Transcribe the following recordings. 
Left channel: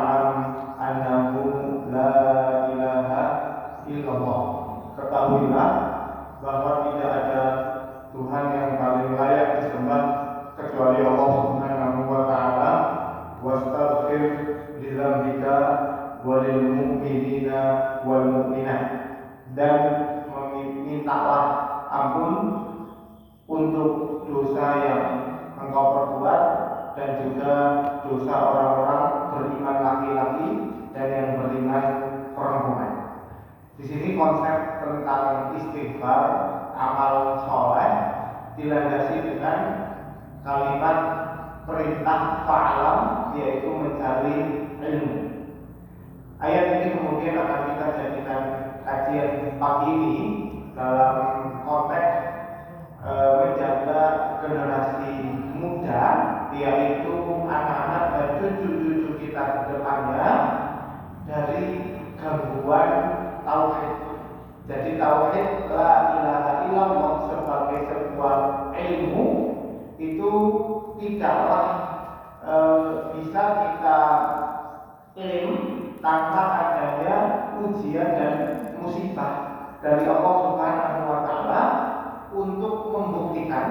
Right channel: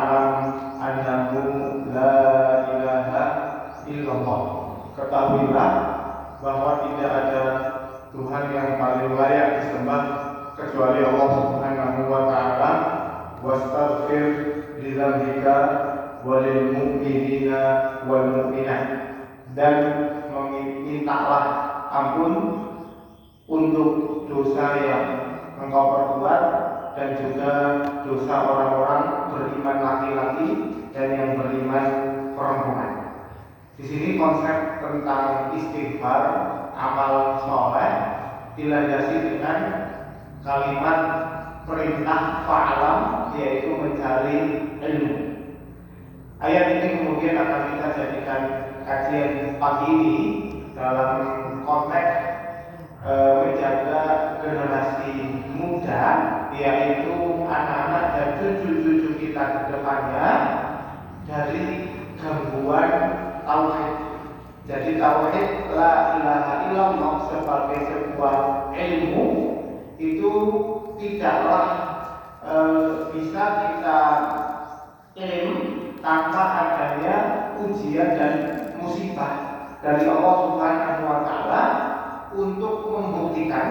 fa'lam annahu la ilaha illallah. Ketahuilah bahwa tidak ada Tuhan yang paling layak disembah kecuali Allah Subhanahu wa taala. Wastaghfir li dzambika walil mu'minina wal mu'minat, dan mintalah ampun untuk dosa yang engkau perbuat dan juga dosa orang-orang beriman laki-laki dan yang beriman perempuan. Di sini konsep tentang istighfar, amal soleh, dilandasi dengan kalimat perintah fa'lam, yaitu mencari ilmu. Ayat ini kemudian akan kita jadikan kajian pagi ini dalam konteks menjaga generasi muda, yaitu anak-anak dan cucu-cucu kita ke depannya dari gangguan tauhid. Jadi tauhid la ilaha illallah sebagai sebuah ilmu itu tidaklah bisa kita klaim tanpa adanya ujian dan musibah dari Allah Subhanahu wa taala untuk membuktikan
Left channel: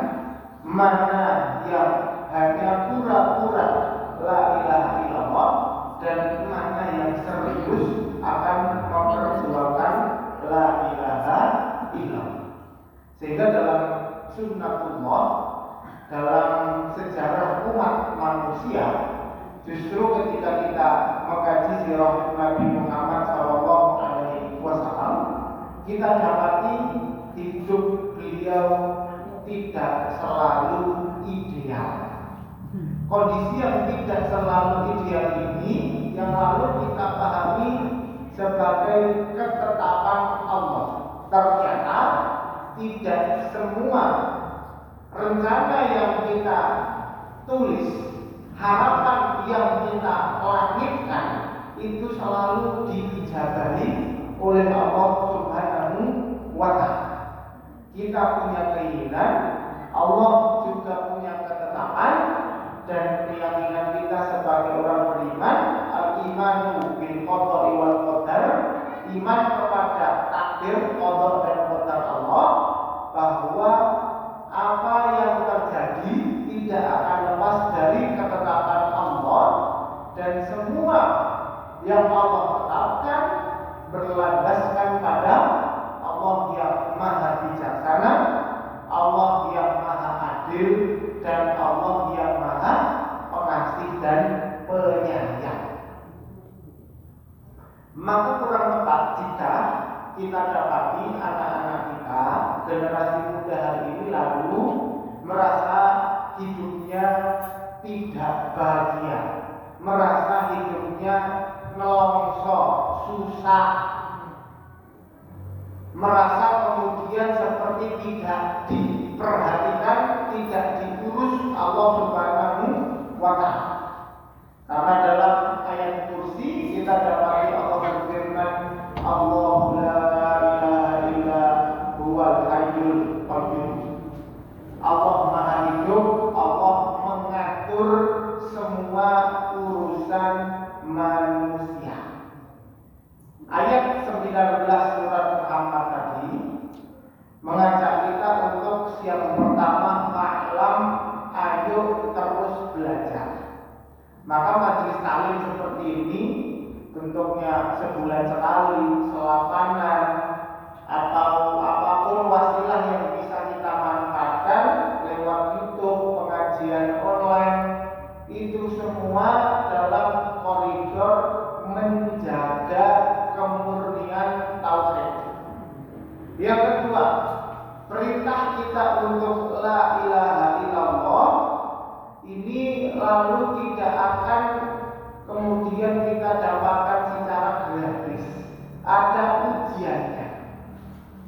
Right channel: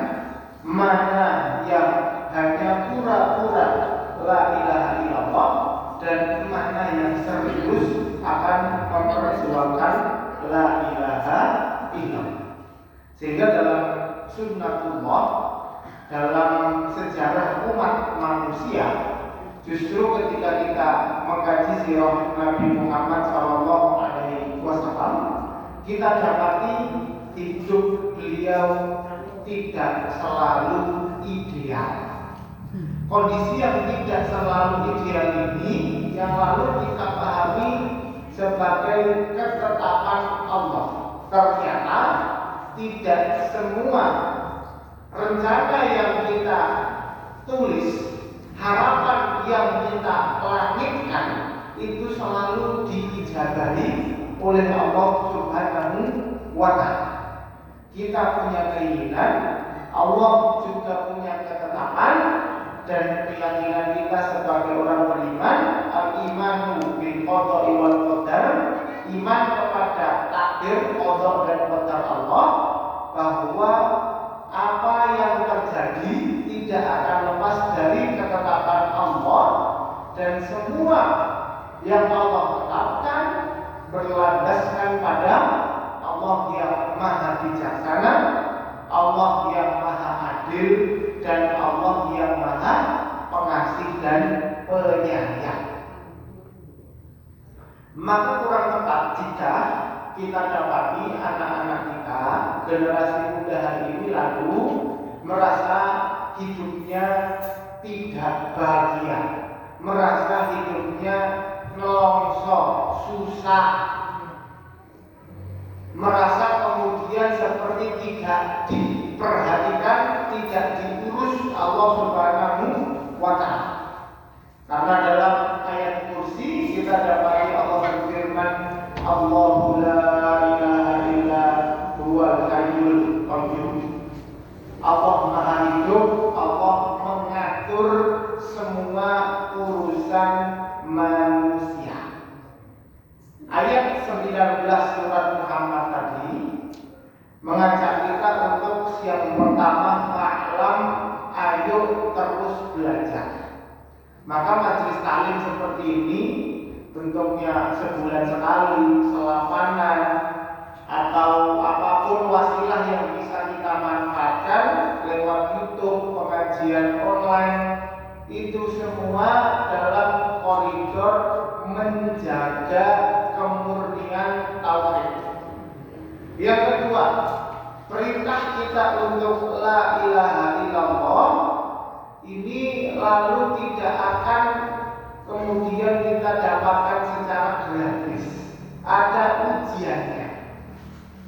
mana yang hanya pura-pura la ilaha illallah dan mana yang serius akan memperjuangkan la ilaha illallah. Sehingga dalam sunnatullah, dalam sejarah umat manusia, justru ketika kita mengkaji sirah Nabi Muhammad SAW, kita dapati hidup beliau tidak selalu ideal. Kondisi yang tidak selalu ideal ini yang lalu kita pahami sebagai ketetapan Allah. Ternyata tidak semua rencana yang kita tulis, harapan yang kita langitkan itu selalu diijabahi oleh Allah Subhanahu wa ta'ala. Kita punya keinginan, Allah juga punya ketetapan, dan keyakinan kita sebagai orang beriman, al-imanu bil qada'i wal qadar, iman kepada takdir, qada dan qadar Allah, bahwa apa yang terjadi tidak akan lepas dari ketetapan Allah, dan semua yang Allah tetapkan berlandaskan pada Allah yang maha bijaksana, Allah yang maha adil, dan Allah yang maha pengasih dan penyayang. Maka kurang tepat jika kita dapati anak-anak kita, generasi muda hari ini lalu merasa hidupnya tidak bahagia, merasa hidupnya nelongso, susah, merasa kemudian seperti tidak diperhatikan, tidak diurus Allah Subhanahu wa ta'ala. Karena dalam ayat kursi kita dapati Allah berfirman, Allahu la ilaha illa huwal hayyul qayyum. Allah maha hidup, Allah mengatur semua urusan manusia. Ayat 19 surat Muhammad tadi mengajak kita untuk yang pertama, fa'lam, ayo terus belajar. Maka majelis taklim seperti ini bentuknya sebulan sekali, selapanan, atau apapun wasilah yang bisa kita manfaatkan lewat YouTube, pengajian online, itu semua dalam koridor menjaga kemurnian tauhid. Yang kedua, perintah kita untuk la ilaha illallah ini lalu tidak akan kemudian kita dapatkan secara gratis. Ada ujiannya.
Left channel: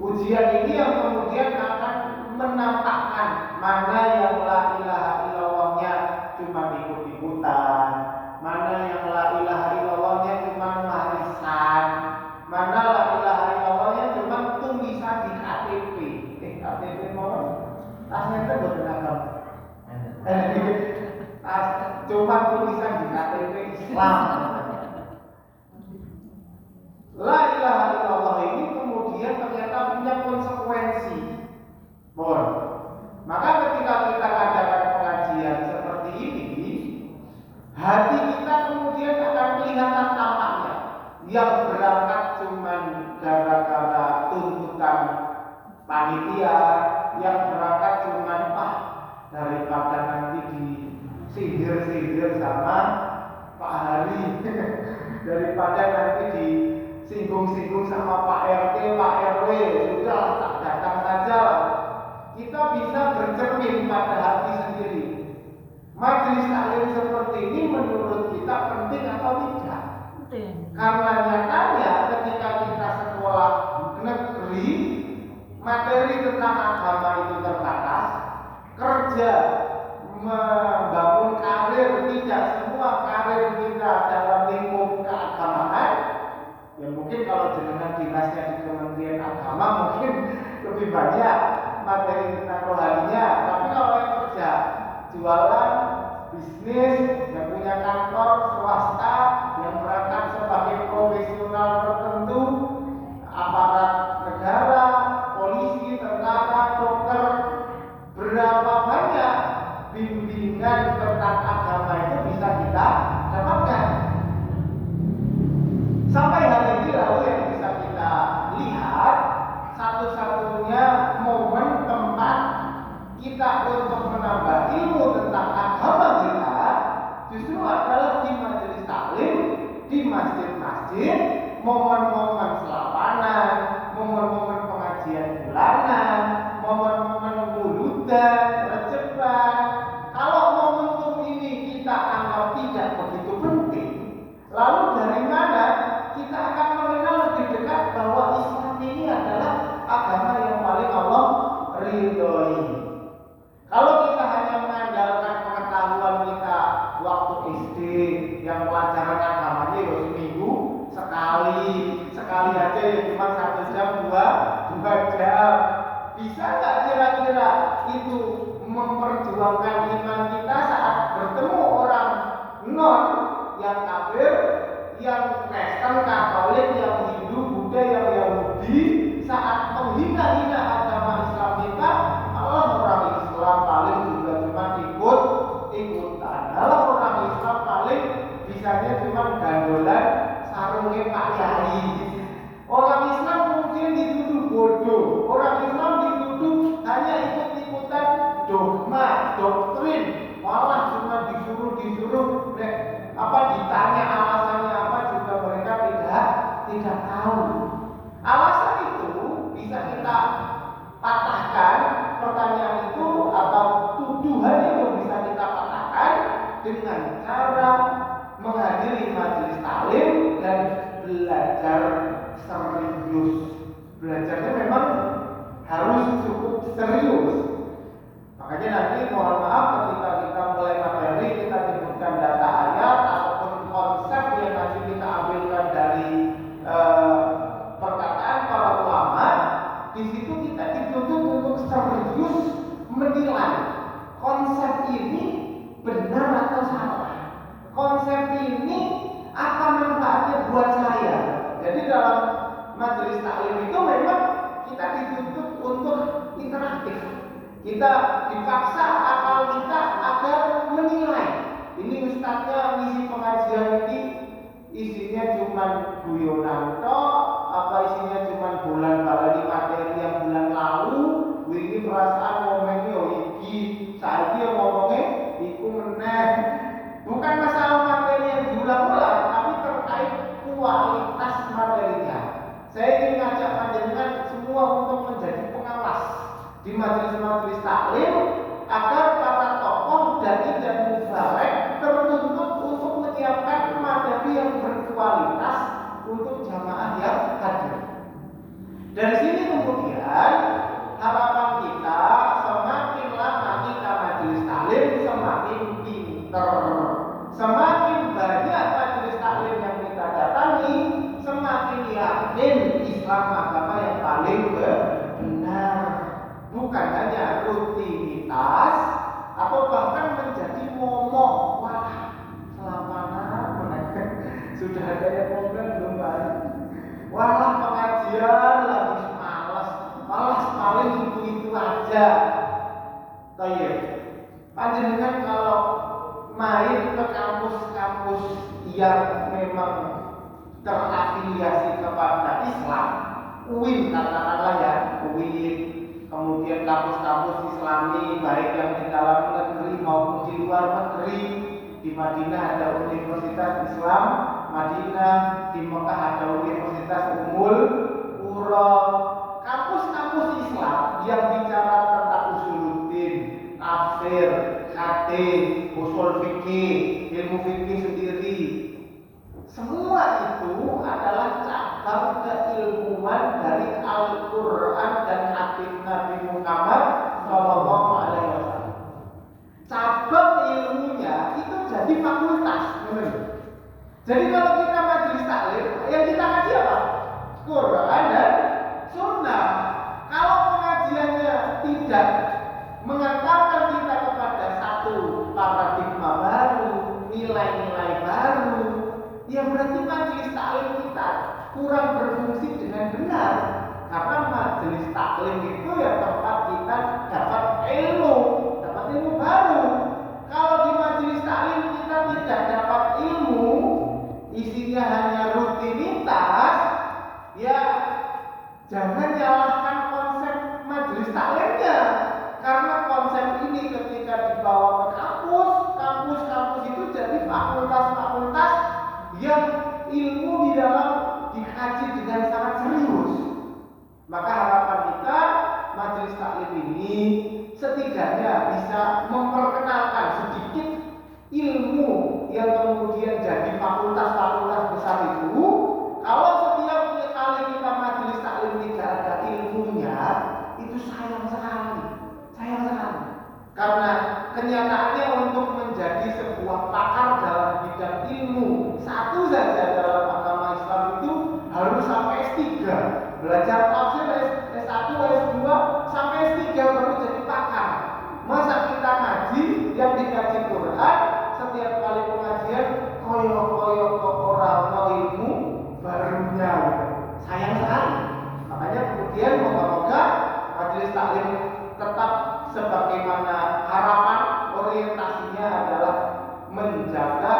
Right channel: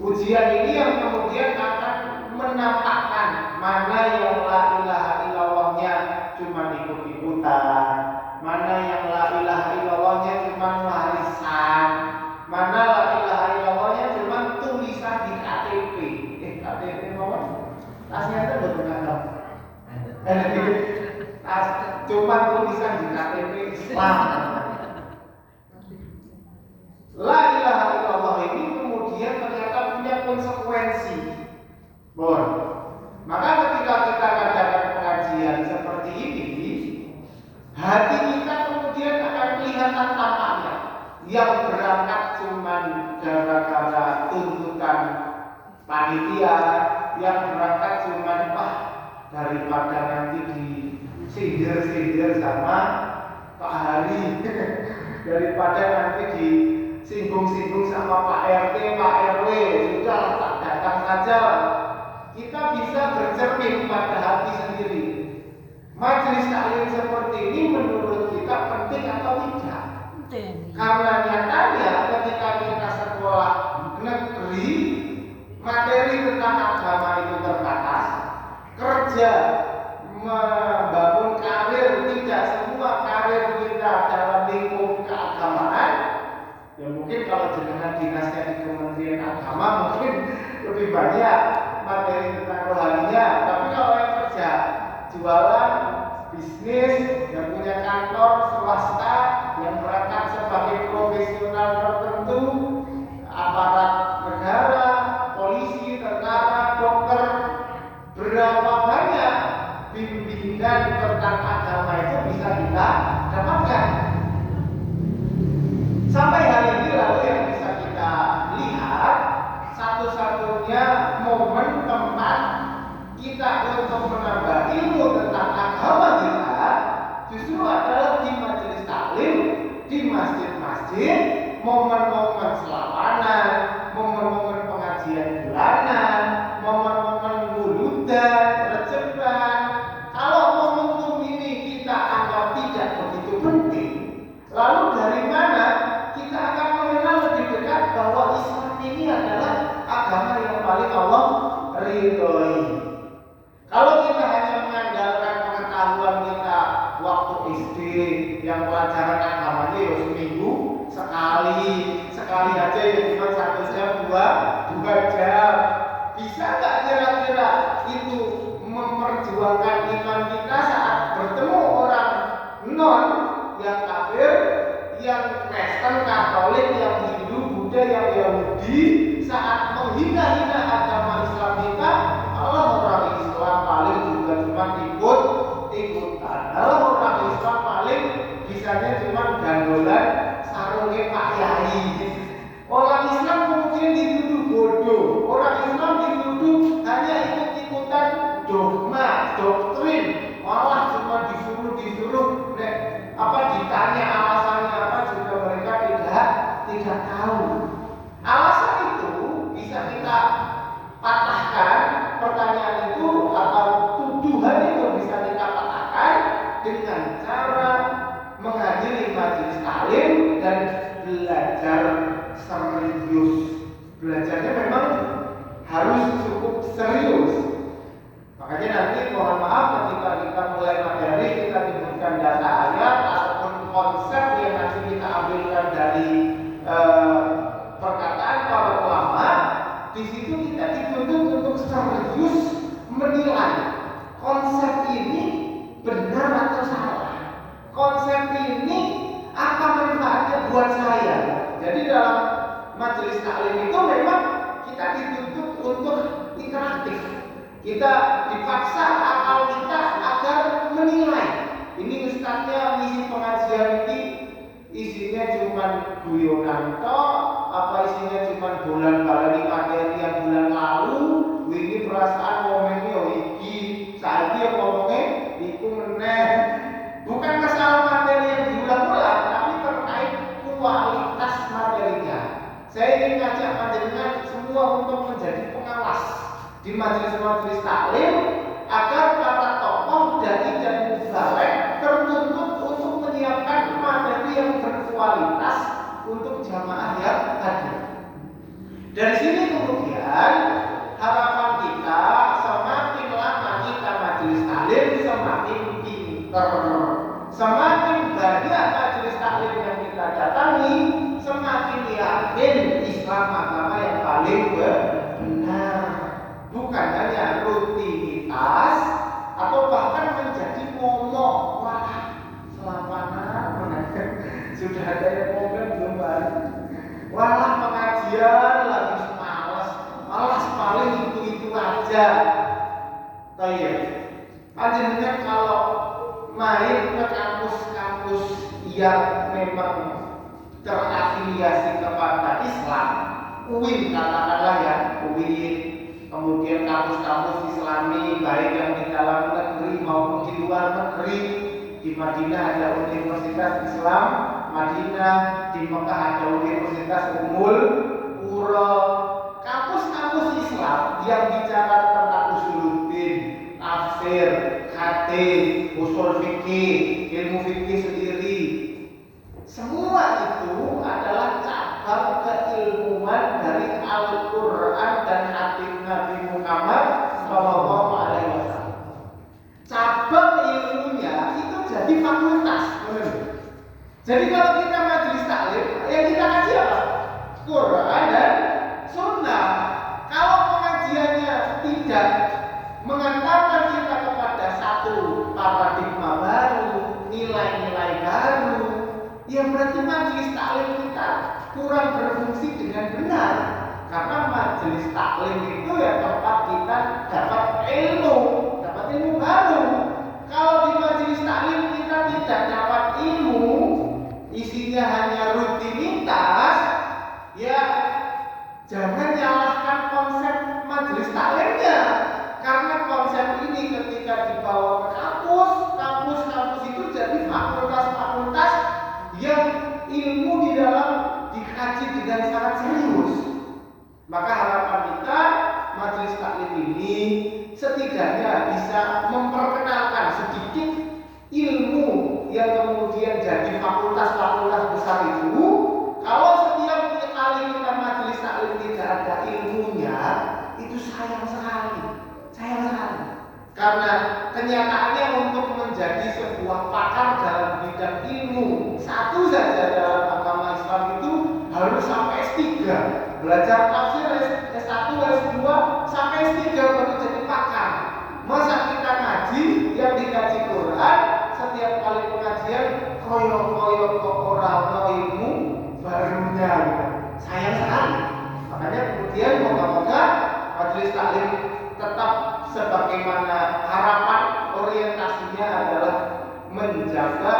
Ujian ini yang kemudian akan menampakkan mana yang la ilaha illallahnya cuma ikut-ikutan, mana yang la ilaha illallahnya cuma warisan, mana la ilaha illallahnya cuma tulisan di KTP. KTP apa? Tasnya itu buat kenapa? Cuma tulisan di KTP Islam. yang berangkat cuman gara-gara tuntutan panitia, yang berangkat cuman daripada nanti disindir-sindir sama Pak Hari daripada nanti disinggung-singgung sama Pak RT, Pak RW, sudah tak datang saja. Kita bisa bercermin pada hati sendiri. Majelis taklim seperti ini menurut kita penting atau tidak? Penting. Karena nyatanya ketika kita sekolah negeri, materi tentang agama itu terbatas, kerja membangun karir, tidak semua karir kita dalam lingkup keagamaan. Ya mungkin kalau jenengan dinasnya di Kementerian Agama mungkin lebih banyak materi tentang rohaninya, tapi kalau yang kerja jualan, bisnis, yang punya kantor swasta, yang berangkat sebagai profesional tertentu, aparat negara, polisi, tentara, dokter, berapa banyak bimbingan tentang agama itu bisa kita dapatkan. Sampai hari ini lalu yang bisa kita lihat, satu-satunya momen tempat kita untuk menambah ilmu tentang agama kita justru adalah di majelis taklim, di masjid-masjid, momen-momen selawanan, momen-momen pengajian bulanan, momen-momen wuludan, rejeban. Kalau momentum ini kita anggap tidak begitu penting, lalu dari mana kita akan mengenal lebih dekat bahwa Islam ini adalah agama yang paling Allah ridhoi? Kalau kita hanya mengandalkan pengetahuan kita waktu SD yang pelajaran agamanya ya seminggu sekali aja ya cuma 1 jam 2 jam, bisa nggak kira-kira itu memperjuangkan iman kita saat bertemu orang non yang kafir, yang Kristen, Katolik, yang Hindu, Buddha, yang Yahudi, saat menghina-hina agama Islam kita? Allah orang Islam paling juga cuma ikut-ikutan. Allah orang Islam paling bisanya cuma gandolan sarungnya Pak Yai. Orang Islam mungkin dituduh bodoh, orang Islam dituduh hanya ikut-ikutan dogma, doktrin, malah cuma disuruh ditanya alasannya apa juga mereka tidak tahu. Alasan itu bisa kita patahkan, pertanyaan itu atau tuduhan itu bisa kita patahkan dengan cara menghadiri majelis taklim dan belajar serius. Belajarnya memang harus cukup serius. Makanya nanti mohon maaf ketika kita mulai materi kita menyebutkan data ayat ataupun konsep yang nanti kita ambilkan dari perkataan para ulama, di situ kita dituntut untuk serius menilai konsep ini benar atau salah. Konsep ini apa manfaatnya buat saya? Jadi dalam majelis taklim itu memang kita dituntut untuk interaktif. Kita dipaksa akal kita agar menilai. Ini ustadznya ngisi pengajian ini isinya cuma guyonan toh, apa isinya cuma bulan-bulan materi yang bulan lalu, ini perasaan ngomongnya iki, saiki yang ngomongnya iku meneh. Bukan masalah materi yang diulang-ulang, tapi terkait kualitas materinya. Saya ingin ngajak panjenengan semua untuk menjadi pengawas di majelis-majelis taklim agar para tokoh dai dan mubalek tertuntut untuk menyiapkan materi yang berkualitas untuk jamaah yang hadir. Dari sini kemudian harapan kita semakin lama kita majelis taklim semakin pinter, semakin banyak majelis taklim yang kita datangi, semakin yakin Islam agama yang paling benar. Bukan hanya rutinitas atau bahkan menjadi momok. Wah, selamat sudah ada yang komen belum kan? Wah, pengajian lagi malas paling itu aja. Tayyib. Panjenengan kalau main ke kampus-kampus yang memang terafiliasi kepada Islam, UIN katakanlah ya, UIN, kemudian kampus-kampus Islami baik yang di dalam negeri maupun di luar negeri. Di Madinah ada Universitas Islam Madinah, di Mekah ada Universitas Ummul Qura. Kampus-kampus Islam yang bicara tentang usuluddin, tafsir, hadis, usul fikih, ilmu fikih sendiri, semua itu adalah cabang keilmuan dari Al-Quran dan hadis Nabi Muhammad Shallallahu Alaihi Wasallam. Cabang ilmunya itu jadi fakultas, benar. Jadi kalau kita majelis taklim, yang kita kaji apa? Quran dan Sunnah. Kalau pengajiannya tidak mengantarkan kita kepada satu paradigma baru, nilai-nilai baru, ya berarti majelis taklim kita kurang berfungsi dengan benar. Karena majelis taklim itu ya tempat kita dapat ilmu baru. Kalau di majelis taklim kita tidak dapat ilmu, isinya hanya rutinitas, ya jangan nyalahkan konsep majelis taklimnya. Karena konsep ini ketika dibawa ke kampus itu jadi fakultas-fakultas yang ilmu di dalam dikaji dengan sangat serius. Maka harapan kita majelis taklim ini setidaknya bisa memperkenalkan sedikit ilmu yang kemudian jadi fakultas-fakultas besar itu. Kalau setiap kali kita majelis taklim tidak ada ilmunya, itu sayang sekali. Karena kenyataannya untuk menjadi sebuah pakar dalam bidang ilmu satu saja dalam agama Islam itu harus sampai S3. Belajar tafsir S1, S2 sampai S3 baru jadi pakar. Masa kita ngaji yang dikaji Quran setiap kali pengajian koyok kok orang ilmu barunya, sayang sekali. Makanya kemudian moga-moga majelis taklim tetap sebagaimana harapan orientasinya adalah menjaga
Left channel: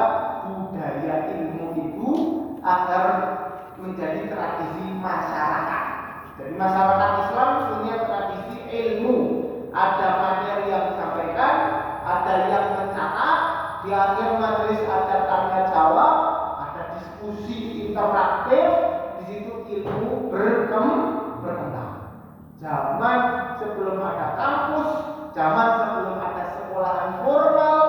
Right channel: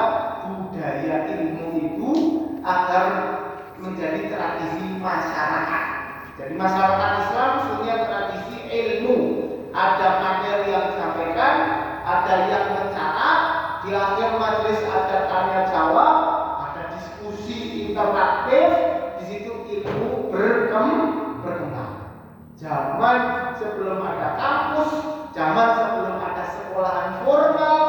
budaya ilmu itu agar menjadi tradisi masyarakat. Jadi masyarakat Islam punya tradisi ilmu. Ada materi yang disampaikan, ada yang mencatat, di akhir majelis ada tanya jawab, ada diskusi interaktif, di situ ilmu berkembang. Zaman sebelum ada kampus, zaman sebelum ada sekolahan formal,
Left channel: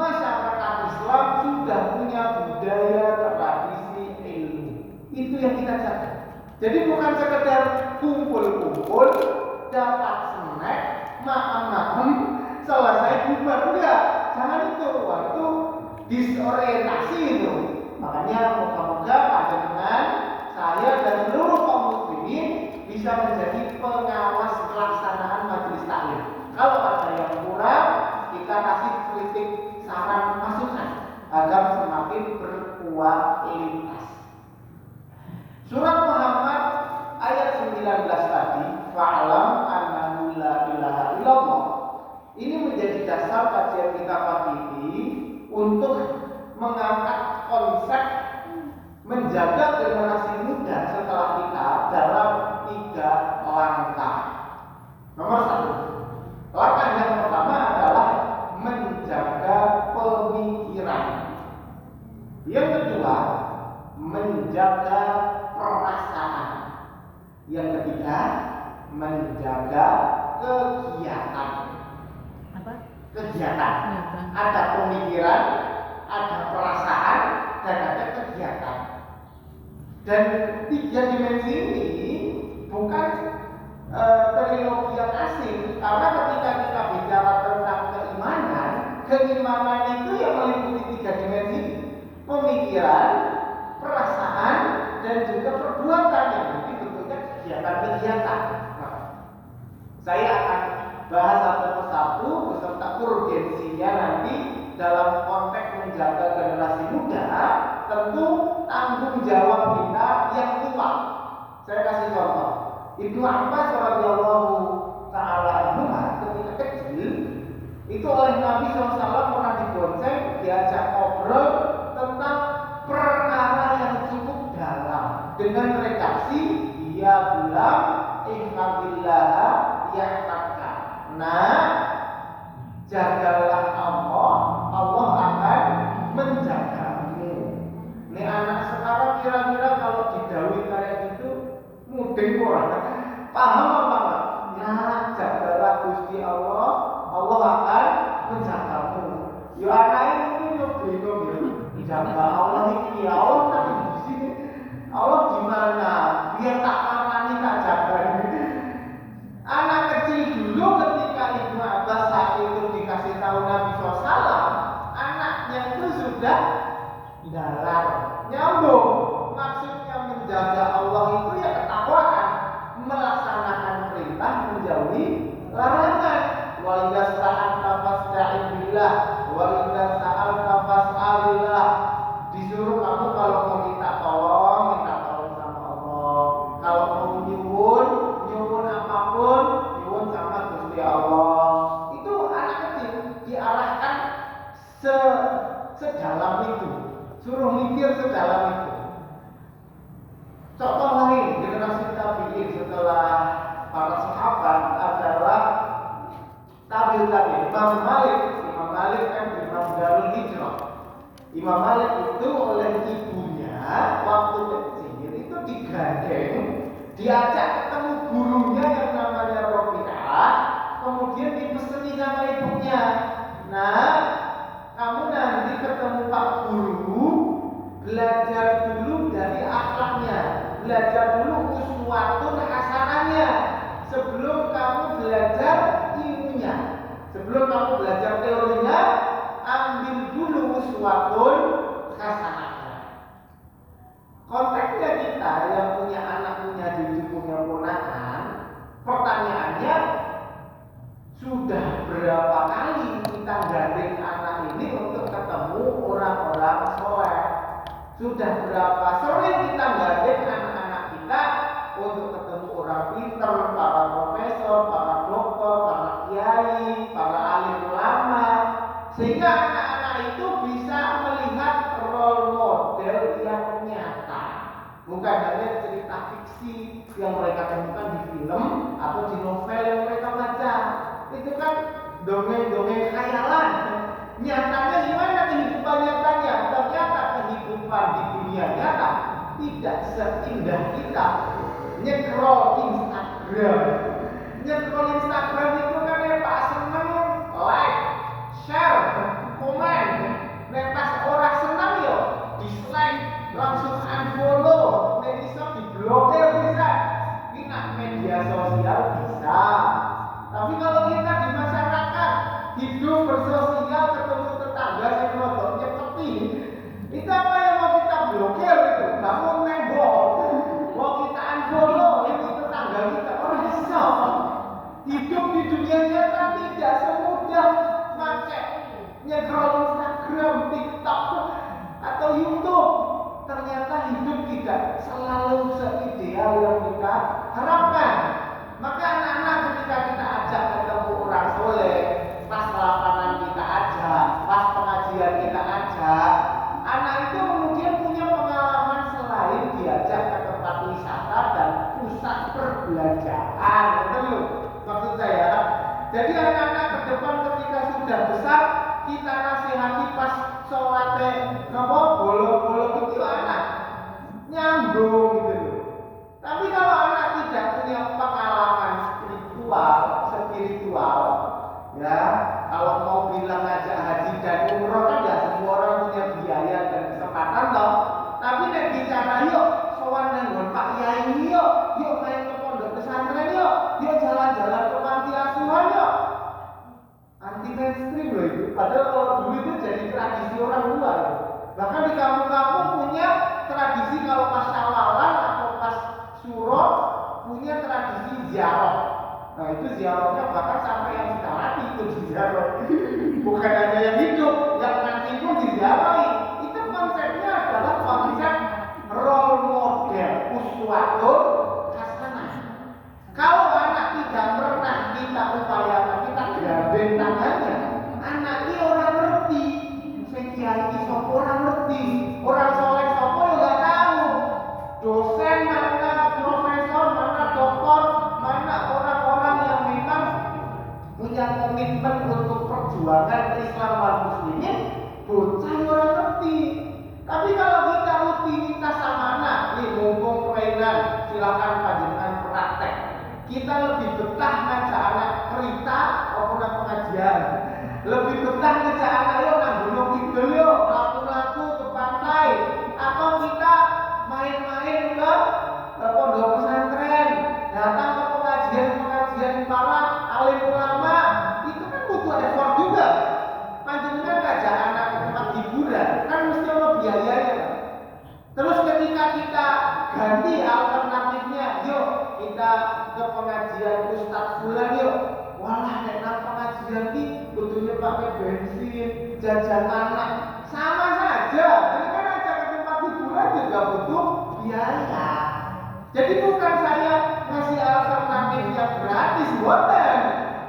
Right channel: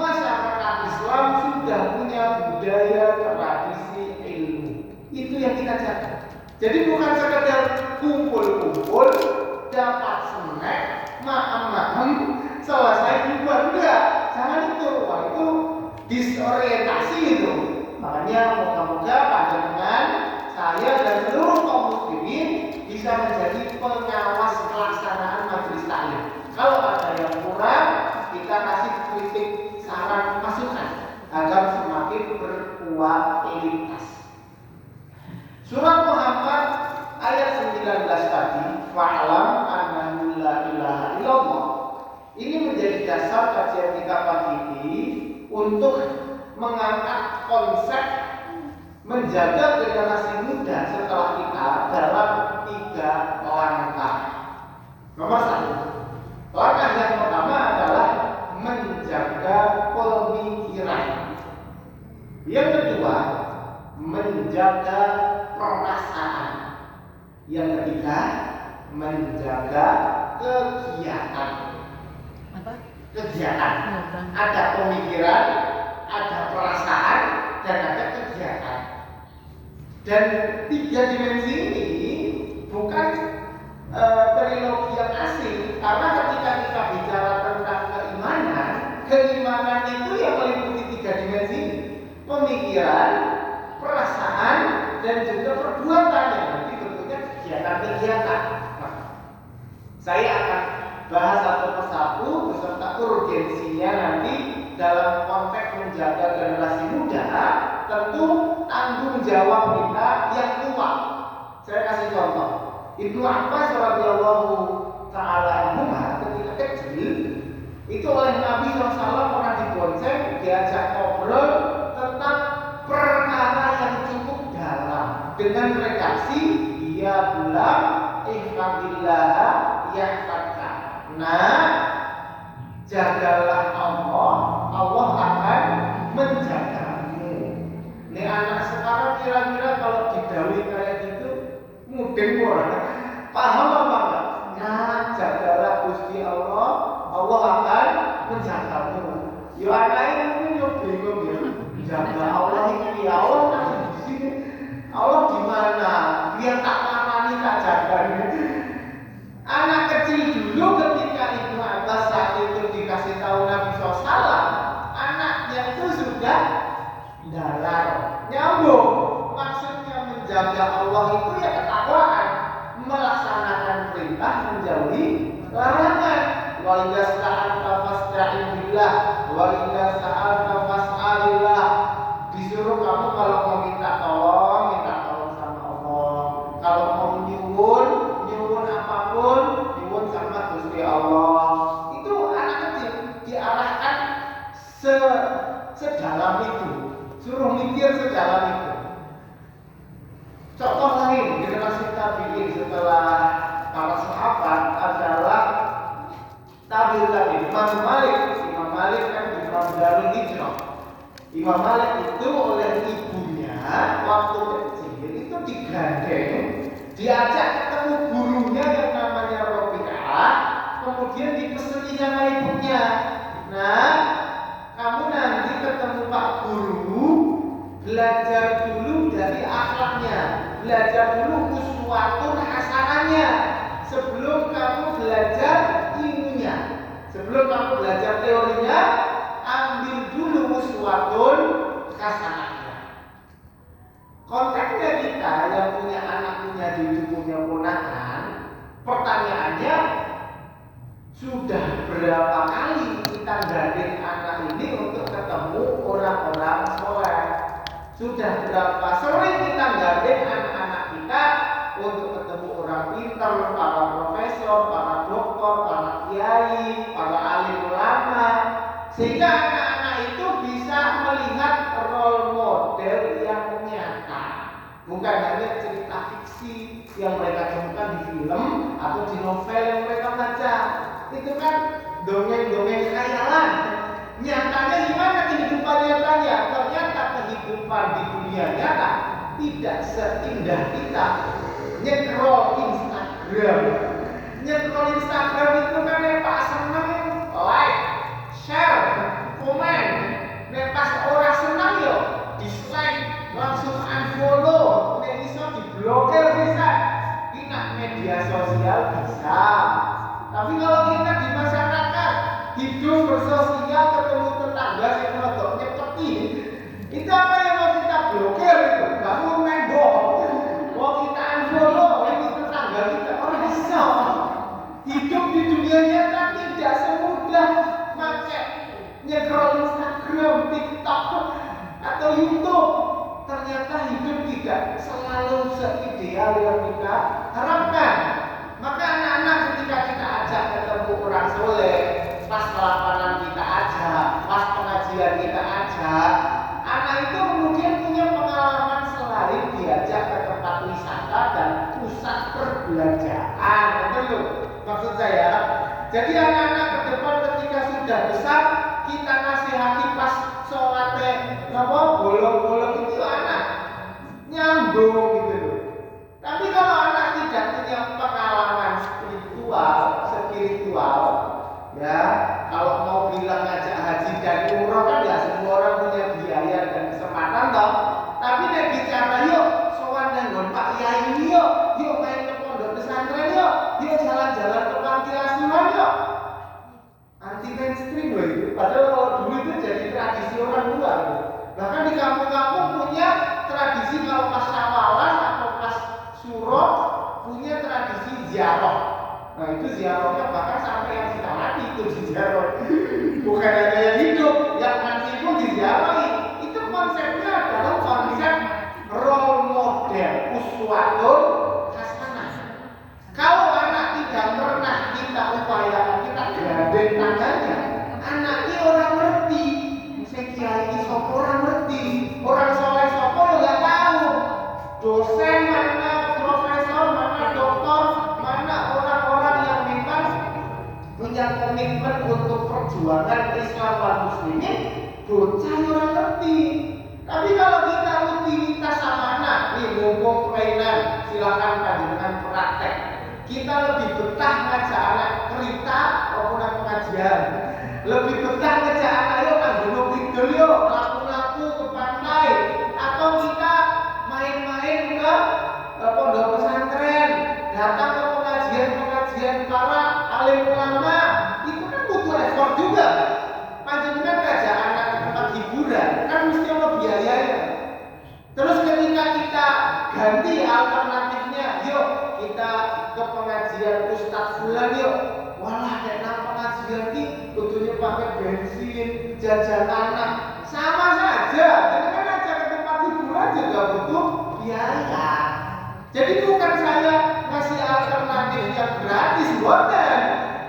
masyarakat Islam sudah punya budaya tradisi ilmu. Itu yang kita jaga. Jadi bukan sekedar kumpul-kumpul, dapat snack, makan, selesai bubar, enggak. Jangan itu, wah itu disorientasi itu. Makanya moga-moga panjenengan, saya dan seluruh kaum muslimin bisa menjadi pengawas pelaksanaan majelis taklim. Kalau ada yang kurang, kita kasih kritik, saran, masukan agar semakin berkualitas. Surat Muhammad ayat 19 tadi, fa'lam annahu la ilaha illallah. Ini menjadi dasar kajian kita pagi ini untuk mengangkat konsep menjaga generasi muda setelah kita dalam 3 langkah. Nomor 1, langkah yang pertama adalah menjaga pemikiran. Yang kedua, menjaga perasaan. Yang ketiga, menjaga kegiatan. Kegiatan. Ada pemikiran, ada perasaan, dan ada kegiatan. Dan 3 dimensi ini bukan trilogi yang asing, karena ketika kita bicara tentang keimanan itu yang meliputi 3 dimensi: pemikiran, perasaan, dan juga perbuatan yang nanti bentuknya kegiatan-kegiatan. Nah, saya akan bahas satu persatu beserta urgensinya nanti dalam konteks menjaga generasi muda. Tentu tanggung jawab kita yang kuat. Saya kasih contoh. Ibnu Abbas radhiyallahu taala anhu ketika kecil itu oleh Nabi SAW pernah dibonceng, diajak ngobrol tentang perkara yang cukup dalam. dengan redaksi dia bilang ihfadillah yahfadka. Nah, jagalah Allah, Allah akan menjagamu. Nih anak sekarang kira-kira kalau didawai kayak gitu mudeng orang paham apa enggak? Nah, jagalah Gusti Allah, Allah akan menjagamu. Yo anak ini yo bingung ya. Jaga Allah ini ya Allah kan di sini. Allah di mana? Dia tak marani tak jaga. Anak kecil dulu ketika Ibnu Abbas saat itu dikasih tahu Nabi SAW, anaknya itu sudah dalar, nyambung. Maksudnya menjaga Allah itu ya ketakwaan, melaksanakan perintah, menjauhi larangan. Wa idza sta'anta fasta'in billah wa idza sa'alta fas'alillah. Disuruh kamu kalau mau minta tolong sama Allah. Kalau mau nyuwun apapun, nyuwun sama Gusti Allah. Itu anak kecil diarahkan sedalam itu, suruh mikir sedalam itu. Contoh lain generasi tabi'in setelah para sahabat adalah tabi'in. Imam Malik kan Imam Darul Hijrah. Imam Malik itu oleh ibunya waktu kecil itu digandeng, diajak ketemu gurunya yang namanya Rabi'ah, kemudian dipeseni sama ibunya. Nah, kamu nanti ketemu Pak Guru, belajar dulu dari akhlaknya, belajar dulu uswatun hasanahnya sebelum kamu belajar ilmunya. Sebelum kamu belajar teorinya, ambil dulu uswatun hasanahnya. Konteksnya kita yang punya anak, punya cucu, punya ponakan, pertanyaannya sudah berapa kali kita gandeng anak ini untuk ketemu orang-orang soleh? Sudah berapa sering kita gandeng anak-anak kita untuk ketemu orang pintar, para profesor, para dokter, para kiai, para alim ulama, sehingga anak-anak itu bisa melihat role model yang nyata, bukan hanya cerita fiksi yang mereka temukan di film atau di novel yang mereka baca. Itu kan dongeng-dongeng khayalan. Nyatanya gimana kehidupan nyatanya? Ternyata kehidupan di dunia nyata tidak seindah kita nyekrol Instagram. Nyekrol Instagram itu kan ya Pak, seneng, like, share, komen. Nek pas orang senang yo dislike, langsung unfollow. Nek iso diblokir bisa. Kita media sosial bisa. Tapi kalau kita di masyarakat hidup bersosial, ketemu tetangga yang rodok nyepeti, itu apa yang mau kita blokir itu? Kamu nembok, mau kita unfollow itu tetangga kita, orang bisa. Hidup di dunia nyata tidak semudah pakai nyekrol Instagram, TikTok, atau YouTube. Ternyata hidup tidak selalu seideal yang kita harapkan. Maka anak-anak ketika kita ajak ketemu orang soleh, pas lapangan kita ajak, pas pengajian kita ajak, anak itu kemudian punya pengalaman selain diajak ke tempat wisata dan pusat perbelanjaan. Betul maksud saya? Jadi anak-anak ke depan ketika sudah besar, kita nasihati pas sholatnya bolong-bolong itu anak nyambung gitu loh. Tapi kalau anak tidak punya pengalaman spiritual, ya kalau mau bilang ngajak haji dan umroh kan ya semua orang punya biaya dan kesempatan toh. Tapi nek bicara yuk sowan nang Pak Yai yuk main ke pondok pesantren yuk jalan-jalan ke panti asuhan yuk. Anti mainstream loh itu. Padahal kalau dulu itu jadi tradisi orang luar. Bahkan di kampung-kampung punya tradisi kalau pas Syawalan atau pas Suro punya tradisi ziarah. Nah itu ziarahnya bahkan sampai yang sudah mati itu diziarah. Bukan hanya yang hidup, yang mati pun diziarahi. Itu konsepnya adalah konsep role model, uswatun hasanah. Kalau anak tidak pernah kita upayakan, kita gandeng tangannya, anaknya orang ngerti. Saya kiai sopo orang ngerti, orang soleh sopo ya nggak tahu. Dosen Kita lebih betah ngajak anak kerita maupun pengajian. Lebih betah ngajak anak yuk nang Gunung Kidul yuk, laku-laku ke pantai, atau kita main-main ke pondok pesantren, datang ke pengajian para alim ulama. Itu kan butuh effort juga. Panjenengan ngajak anak ke tempat hiburan kan mesti ada biayanya. Terus ketika kita ganti alternatifnya, yuk kita ke pengajian Ustadz Fulan yuk. Walah nek nang pengajian ki kudunya pakai bensin, jajan anak. Sama saja. Jadi kan ajak ke tempat hiburan juga butuh biaya. Jadi bukan saya ngasih alternatif yang gratis, bukan.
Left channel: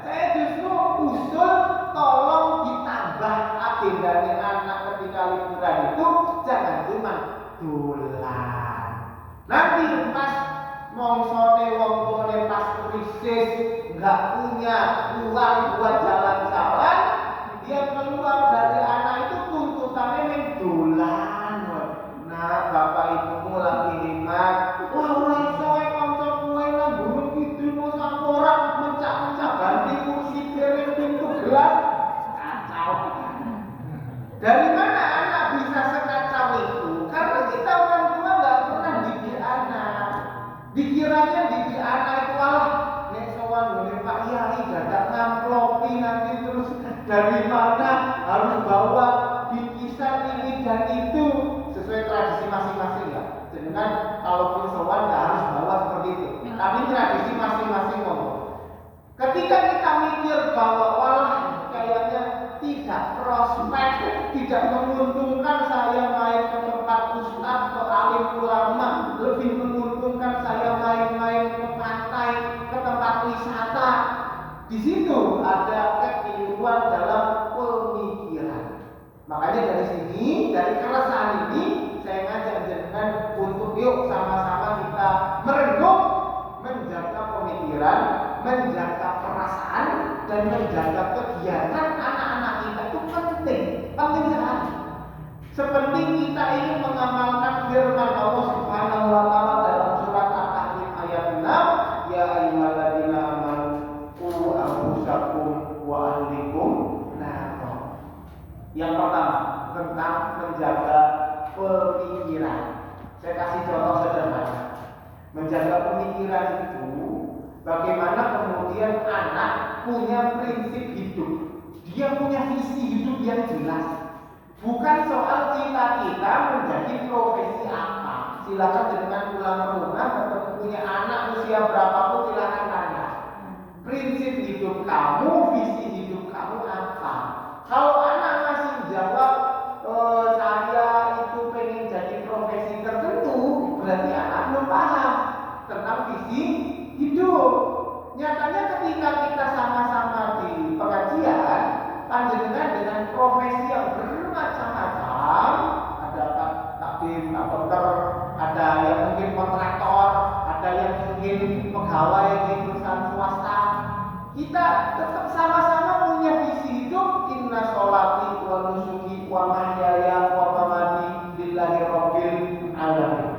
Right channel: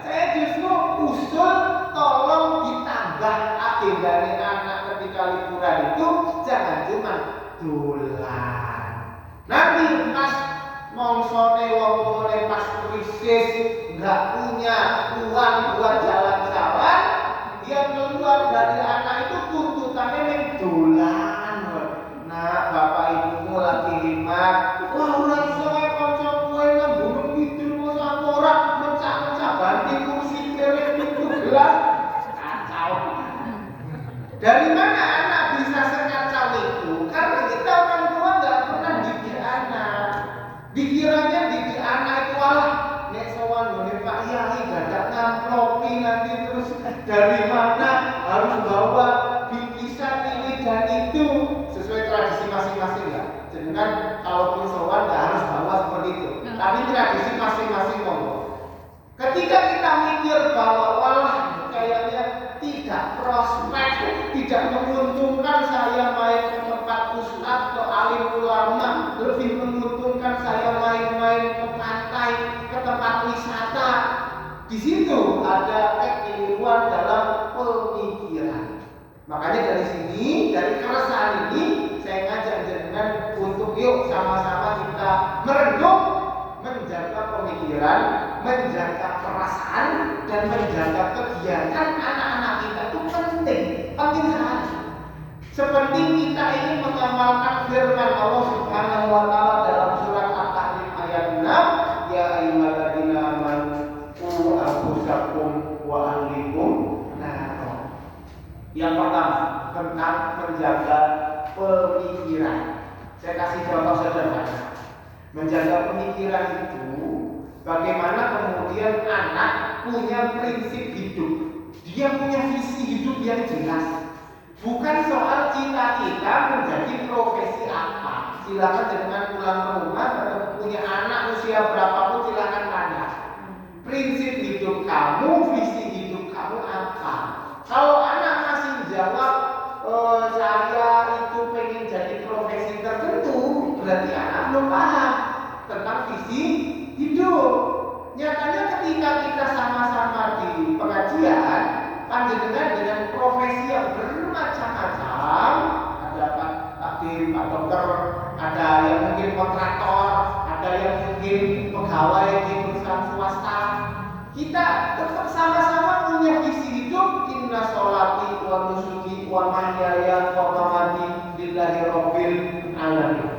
Saya justru usul tolong ditambah agendanya anak ketika liburan itu jangan cuma dolan. Nanti pas mongsone wong tuane pas krisis nggak punya uang buat jalan-jalan, dia keluar dari anak itu tuntutannya yang dolan. Nah, bapak ibumu lagi hemat, wah orang iso kanca kowe nang Gunung Kidul mosok ora mencak-mencak ganti kursi piring pintu gelas. Kacau. Dari mana anak bisa sekacau itu? Karena kita orang tua nggak pernah didik anak. Pikirannya didik anak itu nek sowan ngene Pak Yai gadak ngamplopi nanti terus dari mana harus bawa bingkisan ini dan itu sesuai tradisi masing-masing ya. Jangan kalau sowan nggak harus bawa seperti itu. Tapi tradisi masing-masing monggo. Ketika kita mikir bahwa kayaknya tidak prospek, tidak menguntungkan saya main ke tempat ustadz ke alim ulama, lebih menguntungkan saya main-main ke pantai, ke tempat wisata. Di situ ada kekeliruan dalam pemikiran. Makanya dari sini, dari keresahan ini, saya ngajak jenengan untuk yuk sama-sama kita merenung, menjaga pemikiran, menjaga perasaan, dan menjaga kegiatan anak-anak kita itu penting sekali. Seperti kita ingin mengamalkan firman Allah Subhanahu wa taala dalam surat At-Tahrim ayat 6, ya ayyuhalladzina amanu qu anfusakum wa ahlikum nar. Yang pertama tentang menjaga pemikiran. Saya kasih contoh sederhana. Menjaga pemikiran itu bagaimana kemudian anak punya prinsip hidup. Dia punya visi hidup yang jelas. Bukan soal cita-cita menjadi profesi apa. Silakan jangan pulang ke rumah atau punya anak usia berapapun silakan tanya. Prinsip hidup kamu, visi hidup kamu apa? Kalau anak masih jawab saya itu pengen jadi profesi tertentu, berarti anak belum paham tentang visi hidup. Nyatanya ketika kita sama-sama di pengajian, panjenengan dengan profesi yang bermacam-macam, ada Pak Takdim, Pak Dokter, ada yang mungkin kontraktor, ada yang mungkin pegawai di perusahaan swasta. Kita tetap sama-sama punya visi hidup. Inna sholati wa nusuki wa mahyaya wa mamati lillahi rabbil alamin.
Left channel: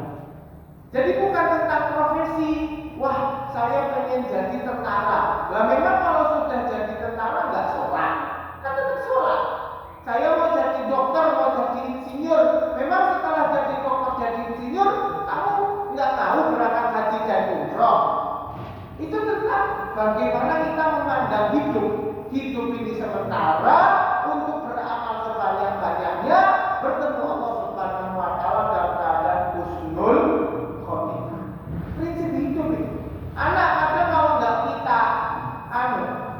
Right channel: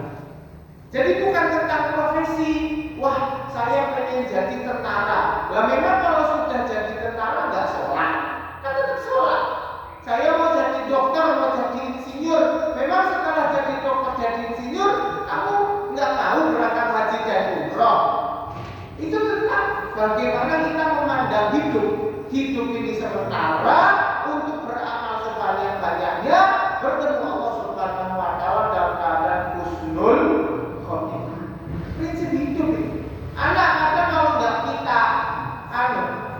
Jadi bukan tentang profesi. Wah, saya pengen jadi tentara. Lah memang kalau sudah jadi tentara nggak sholat, kan tetap sholat. Saya mau jadi dokter, mau jadi insinyur. Memang setelah jadi dokter, jadi insinyur, kamu nggak mau berangkat haji dan umroh. Itu tentang bagaimana kita memandang hidup. Hidup ini sementara untuk beramal sebanyak-banyaknya, bertemu Allah Subhanahu wa taala dalam keadaan husnul khotimah. Prinsip hidup itu. Anak ada kalau nggak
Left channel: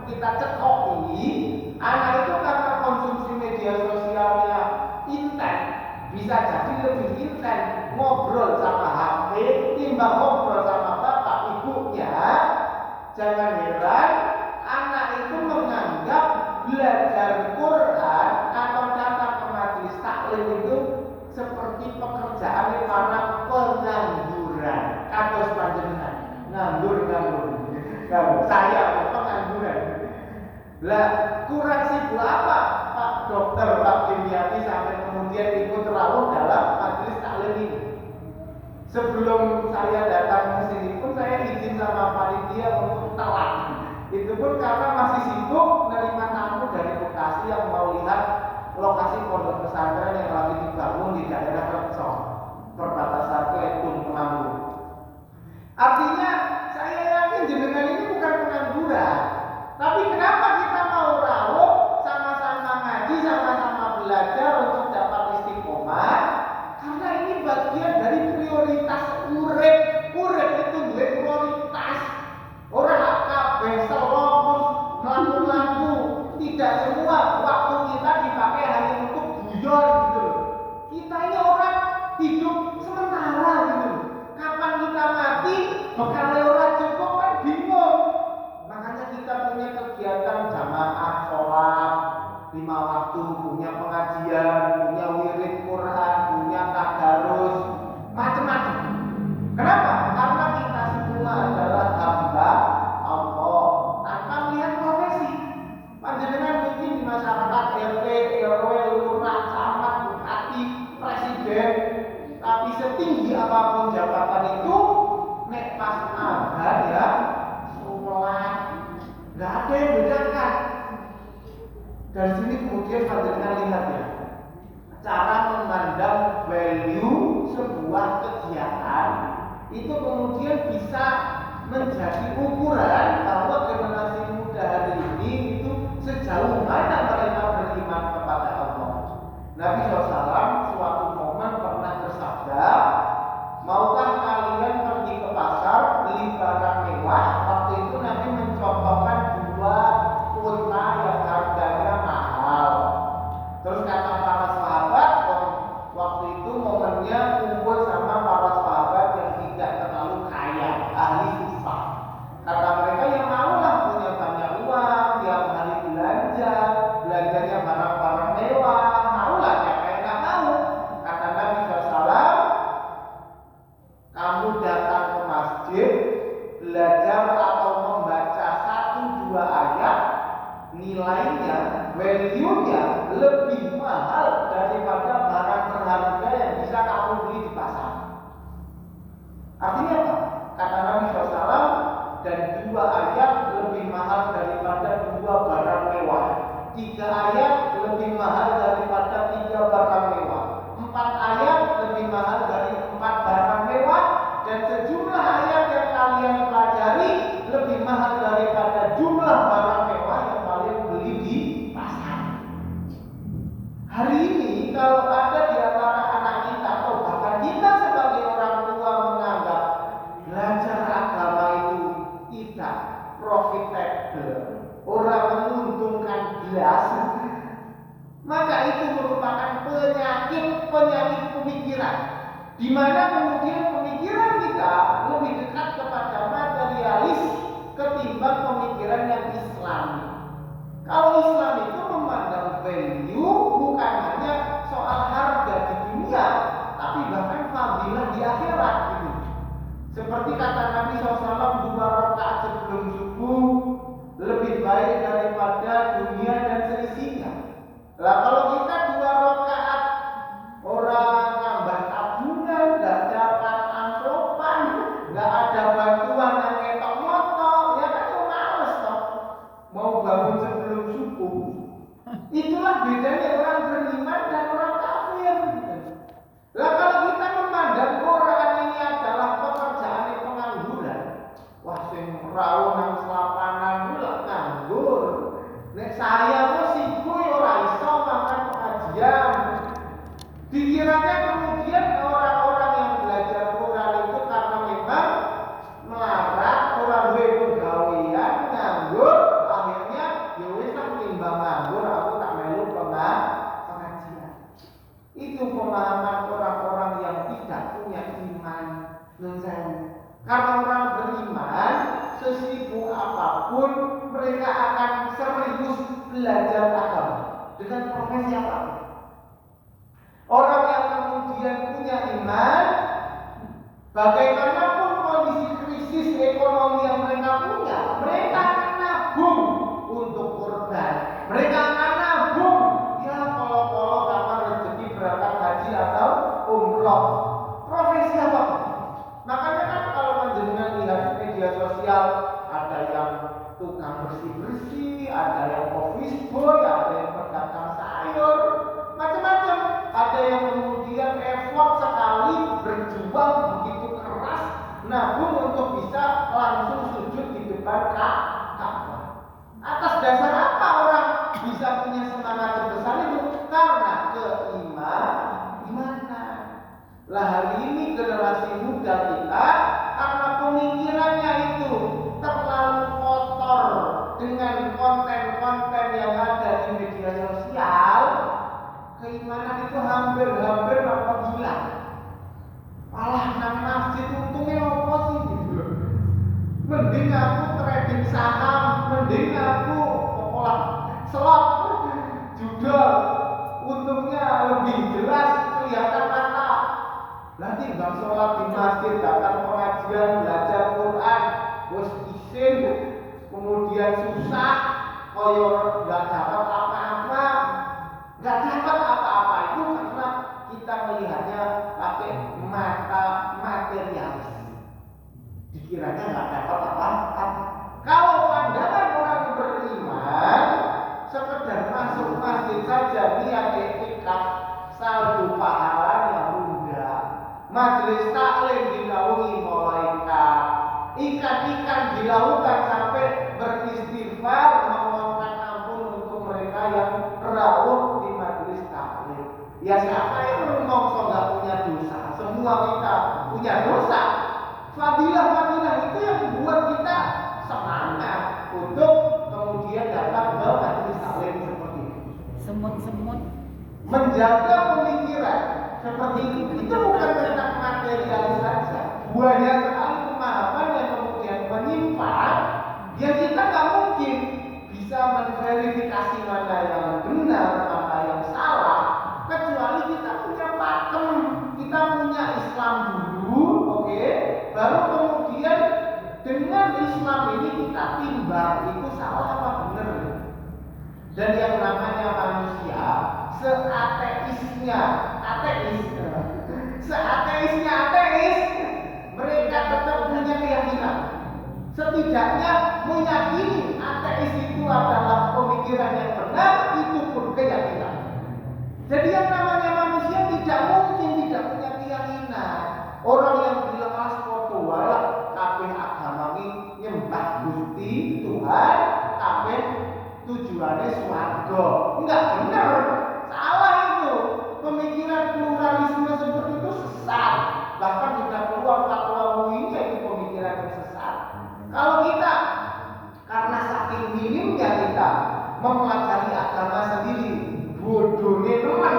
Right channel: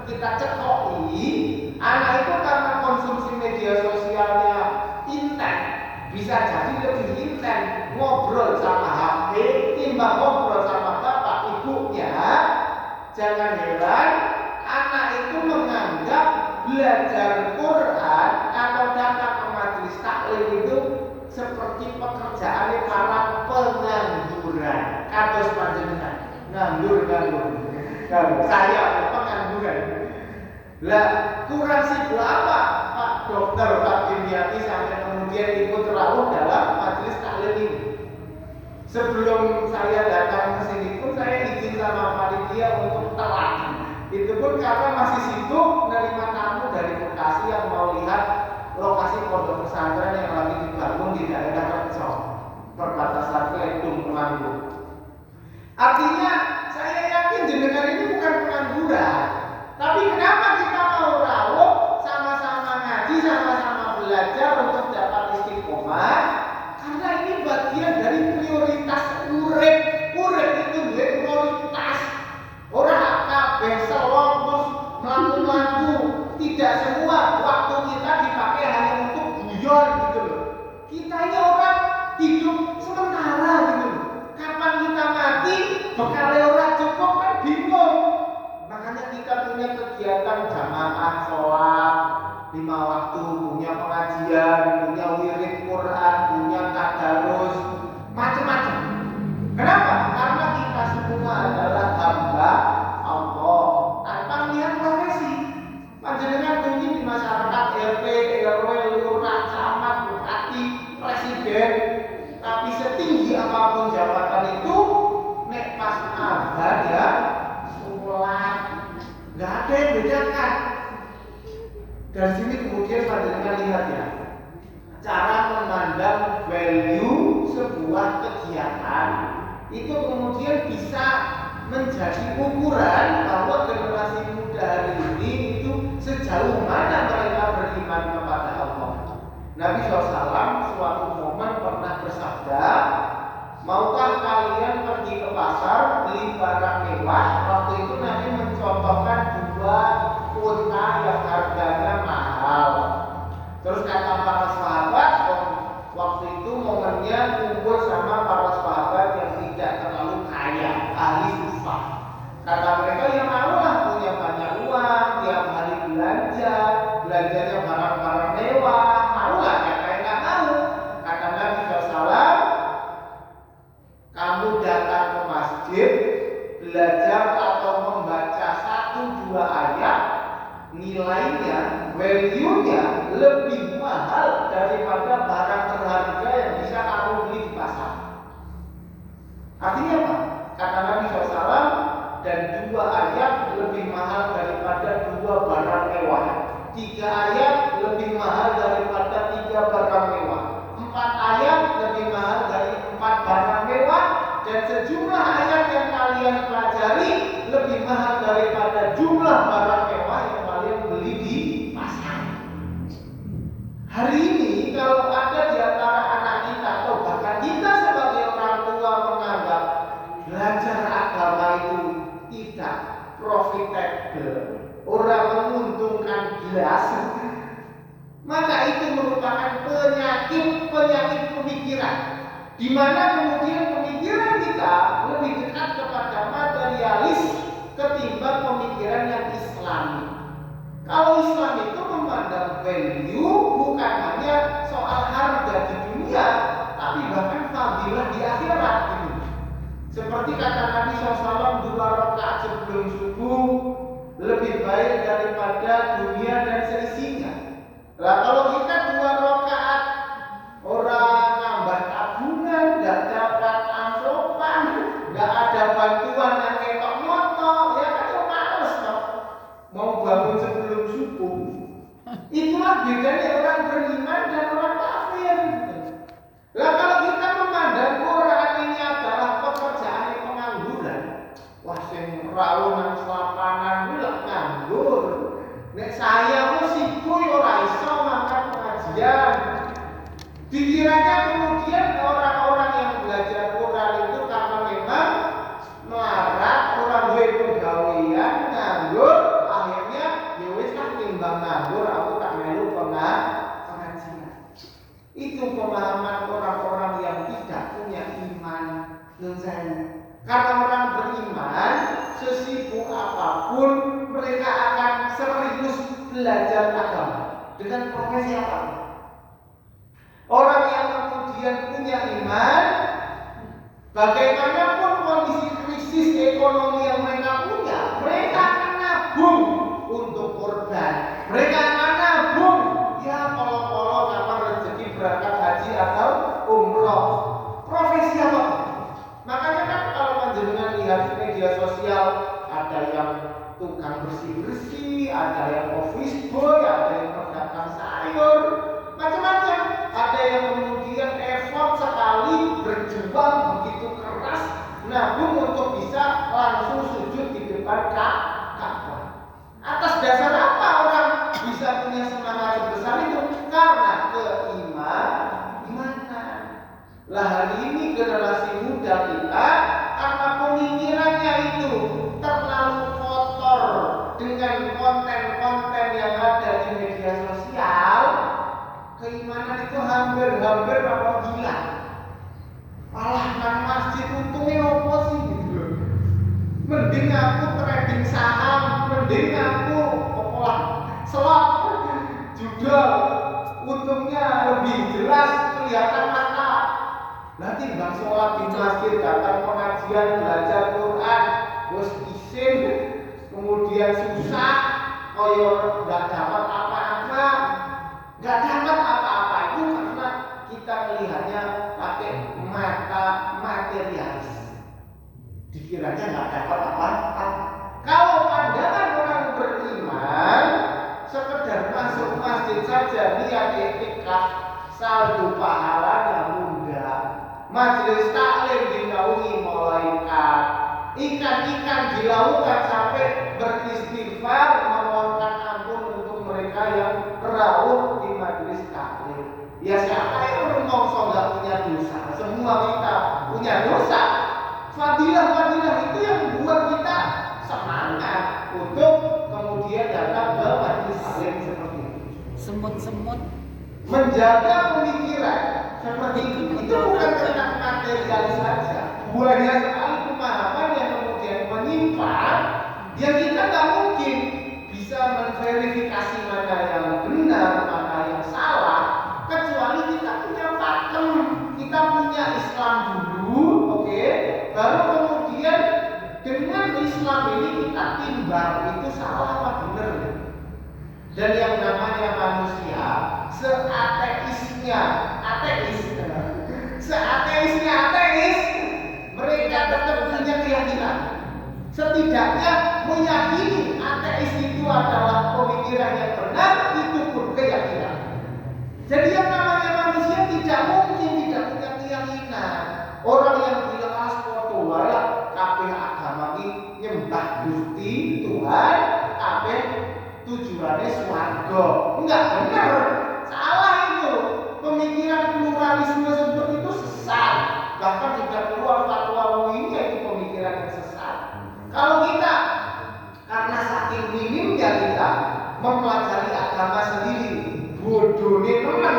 kita cekoki, anak itu karena konsumsi media sosialnya intens, bisa jadi lebih intens ngobrol sama HP timbang ngobrol sama bapak ibunya. Jangan heran anak itu menganggap belajar Quran atau datang ke majelis taklim itu seperti pekerjaan para pengangguran. Kados panjenengan nganggur. Saya pengangguran. Lah kurang sibuk apa Pak Dokter, Pak Dimyati sampai kemudian ikut terawih dalam majelis taklim ini. Sebelum saya datang ke sini pun saya izin sama panitia untuk telat. Itu pun karena masih sibuk menerima tamu dari Bekasi yang mau lihat lokasi pondok pesantren yang lagi dibangun di daerah Rejo, perbatasan Kledung Temanggung. Artinya saya yakin jenengan ini bukan pengangguran. Tapi kenapa kita mau rawuh, sama-sama ngaji, sama-sama belajar untuk dapat istiqomah? Karena ini bagian dari prioritas urip. Urip itu duwe prioritas. Ora kabeh selong terus mlaku-mlaku. Tidak semua waktu kita dipakai hanya untuk guyon gitu loh. Kita ini orang hidup sementara gitu loh. Kapan kita mati, bekal ora cukup kan bingung. Makanya kita punya kegiatan jamaah sholat 5 waktu, punya pengajian, punya wirid Quran, punya tadarus, macam-macam. Kenapa? Karena kita semua adalah hamba Allah tanpa melihat profesi. Panjenengan mungkin di masyarakat RT, RW, lurah, camat, bupati, presiden, tapi setinggi apapun jabatan itu, nek pas azan ya, sholat, nggak ada yang bedakan. Dari sini kemudian panjenengan lihat ya, cara memandang value sebuah kegiatan itu kemudian bisa menjadi ukuran bahwa generasi muda hari ini itu sejauh mana mereka beriman kepada Allah. Nabi SAW suatu momen pernah bersabda, maukah kalian pergi ke pasar beli barang mewah? Waktu itu Nabi mencontohkan 2 unta yang harganya mahal. Terus kata para sahabat, waktu itu momennya kumpul sama para sahabat yang tidak terlalu kaya, ahli sufah. Kata mereka yang maulah punya banyak uang, tiap hari belanja, belanjanya barang-barang mewah, maulah siapa yang nggak mau. Kata Nabi SAW, kamu datang ke masjid, belajar atau membaca 1-2 ayat, nilainya, value-nya lebih mahal daripada barang berharga yang bisa kamu beli di pasar. Artinya apa? Kata Nabi SAW, dan 2 ayat lebih mahal daripada 2 barang mewah. 3 ayat lebih mahal daripada 3 barang mewah. 4 ayat lebih mahal dari 4 barang mewah. Dan sejumlah ayat yang kalian pelajari lebih mahal daripada jumlah barang mewah yang kalian beli di pasar. Hari ini kalau ada di antara anak kita atau bahkan kita sebagai orang tua menganggap belajar agama itu tidak profitable, orang menguntungkan belas, maka itu merupakan penyakit pemikiran, di mana kemudian pemikiran kita lebih dekat kepada materialis ketimbang pemikiran yang Islami. Kalau Islam itu memandang value bukan hanya soal harga di dunia, tapi bahkan fadilah di akhirat gitu. Seperti kata Nabi SAW, 2 rakaat sebelum subuh lebih baik daripada dunia dan seisinya. Lah kalau kita 2 rakaat orang nambah tabungan, nggak dapat amplopan, nggak ada bantuan yang ketok motor, ya kan itu males toh. Mau bangun sebelum subuh. Itulah bedanya orang beriman dan orang kafir. Lah kalau kita memandang Quran ini adalah pekerjaan pengangguran, wah sing rawuh nang selapanan kuwi lak nganggur. Nek saya mesti kuwi ora iso makan pengajian. Dikiranya kemudian orang-orang yang belajar Quran itu karena memang melarat, orang duwe pegawaian, nganggur, akhirnya ya wis lah timbang nganggur aku tak melu pengajian. Itu pemahaman orang-orang yang tidak punya iman nunzani. Karena orang beriman, sesibuk apapun mereka akan serius belajar agama dengan profesi apapun. Orang yang kemudian punya iman, bagaimanapun kondisi krisis ekonomi yang mereka punya, mereka akan nabung untuk korban. Mereka akan nabung, ya kalau kapan rezeki berangkat haji atau umroh. Profesi apa? yang tukang bersih-bersih, ada yang office boy, ada yang pedagang sayur, macam-macam. Ada yang kemudian effort sekali berjuang begitu keras, namun untuk bisa langsung sujud di depan Ka'bah. Atas dasar apa orang bisa punya semangat sebesar itu? Karena keimanan. Lah hari ini generasi muda kita karena pemikirannya itu terlalu kotor dengan konten-konten yang ada di media sosial, keimanan itu hampir apabila malah nang masjid untungnya apa sih gitu. Mending aku trading saham, mending aku slot juga untungnya lebih jelas kelihatan mata. Nanti bang sholat di masjid, datang pengajian, belajar Quran, bos isin, kemudian susah, koyor nggak dapat apa-apa itu karena kita melihatnya pakai mata materialis. Dikiranya nggak dapat apa-apa. Kalau pandangan orang beriman, sekedar masuk masjid saja niat iktikaf, saldo pahalanya muda. Majelis taklim dinaungi malaikat, ikan-ikan di lautan sampai beristighfar memohonkan ampun untuk mereka yang rawuh di majelis taklim. Ya siapa yang menungso nggak punya dosa? Semua kita punya dosa. Fadilah itu yang membuat kita semangat untuk kemudian datang ke majelis taklim seperti itu. Semut-semut Menjaga pemikiran seperti itu bukan tentang materialis saja. Banyak sekali pemahaman yang kemudian menyimpang, yang kita nggak mungkin bisa menverifikasi mana yang benar, mana yang salah, kecuali kita punya pakem, kita punya Islam dulu, oke? Baru kemudian dengan Islam ini kita timbang itu salah apa benar. Dan yang namanya manusia, seateisnya ateis, mereka tetap punya keyakinan. Setidaknya meyakini ateis itu adalah pemikiran yang benar, itu pun keyakinan. Jadi yang namanya manusia tidak mungkin tidak punya keyakinan. Orang yang jelas foto wae kabeh agama iki nyembah Gusti Tuhan, kabeh tujuannya swarga. Enggak benar. Salah itu. Pemikiran pluralisme seperti itu sesat. Bahkan sudah keluar fatwa MUI itu pemikiran yang sesat. Kalau kita karena saking minimnya kita mempelajari agama sendiri, bodohnya teman.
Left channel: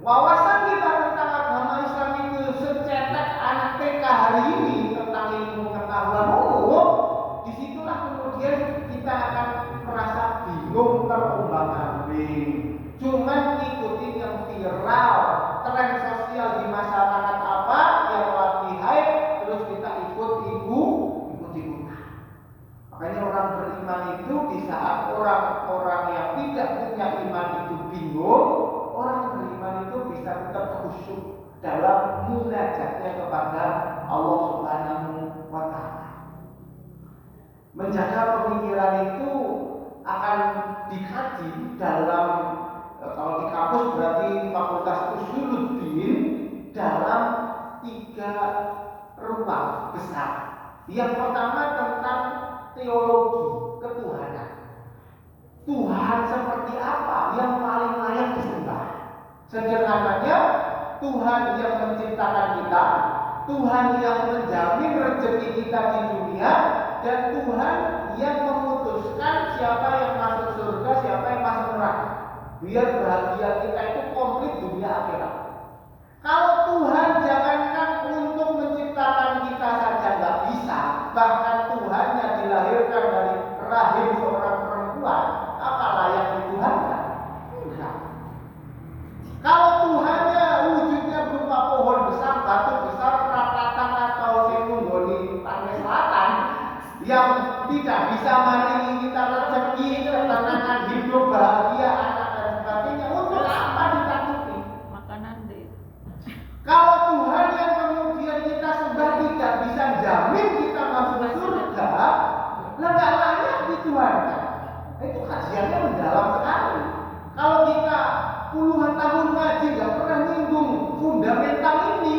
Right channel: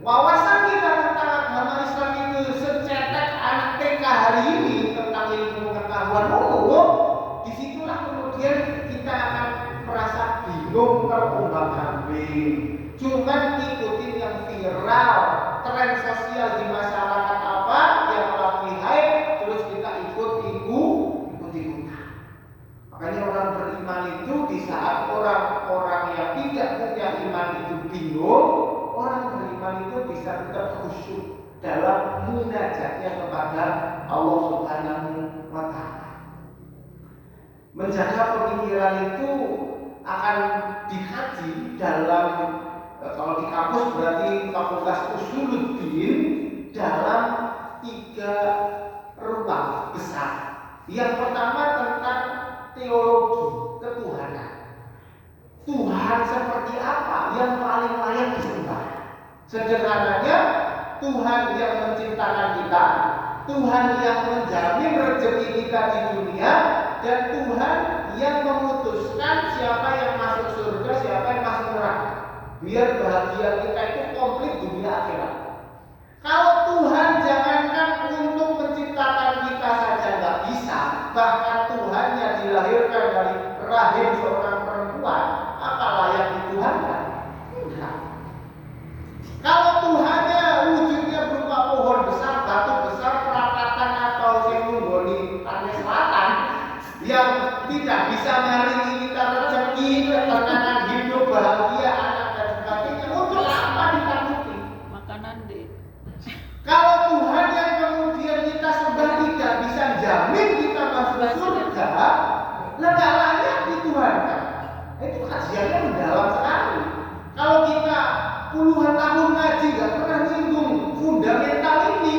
Wawasan kita tentang agama Islam itu secetek anak TK hari ini tentang ilmu pengetahuan umum. Disitulah kemudian kita akan merasa bingung, terombang-ambing. Cuman ikutin yang viral, tren sosial di masyarakat apa yang lagi hype, terus kita ikut-ikutan. Makanya orang beriman itu di saat orang-orang yang tidak punya iman itu bingung, orang beriman itu bisa tetap khusyuk dalam munajatnya kepada Allah Subhanahu wa Ta'ala. Menjaga pemikiran itu akan dikaji dalam, kalau di kampus berarti Fakultas Usuluddin, dalam 3 ruang besar. Yang pertama tentang teologi ketuhanan. Tuhan seperti apa yang paling layak disembah? Sederhananya, Tuhan yang menciptakan kita, Tuhan yang menjamin rezeki kita di dunia, dan Tuhan yang memutuskan siapa yang masuk surga, siapa yang masuk neraka. Biar bahagia kita itu komplit dunia akhirat. Kalau Tuhan jangankan untuk menciptakan kita saja nggak bisa, bahkan Tuhannya dilahirkan dari rahim seorang perempuan, apa layak dituhankan? Enggak. Kalau Tuhannya wujudnya berupa pohon besar, batu besar, perapatan atau sinunggoni pantai selatan yang tidak bisa maringi kita rezeki, ketenangan hidup, bahagia, anak dan sebagainya, untuk apa ditakuti? makanan deh. Kalau Tuhan yang kemudian kita sembah tidak bisa jamin kita masuk surga, Lah nggak layak dituhankan. Itu kajiannya mendalam sekali. Kalau kita puluhan tahun ngaji nggak pernah nyinggung fundamental ini,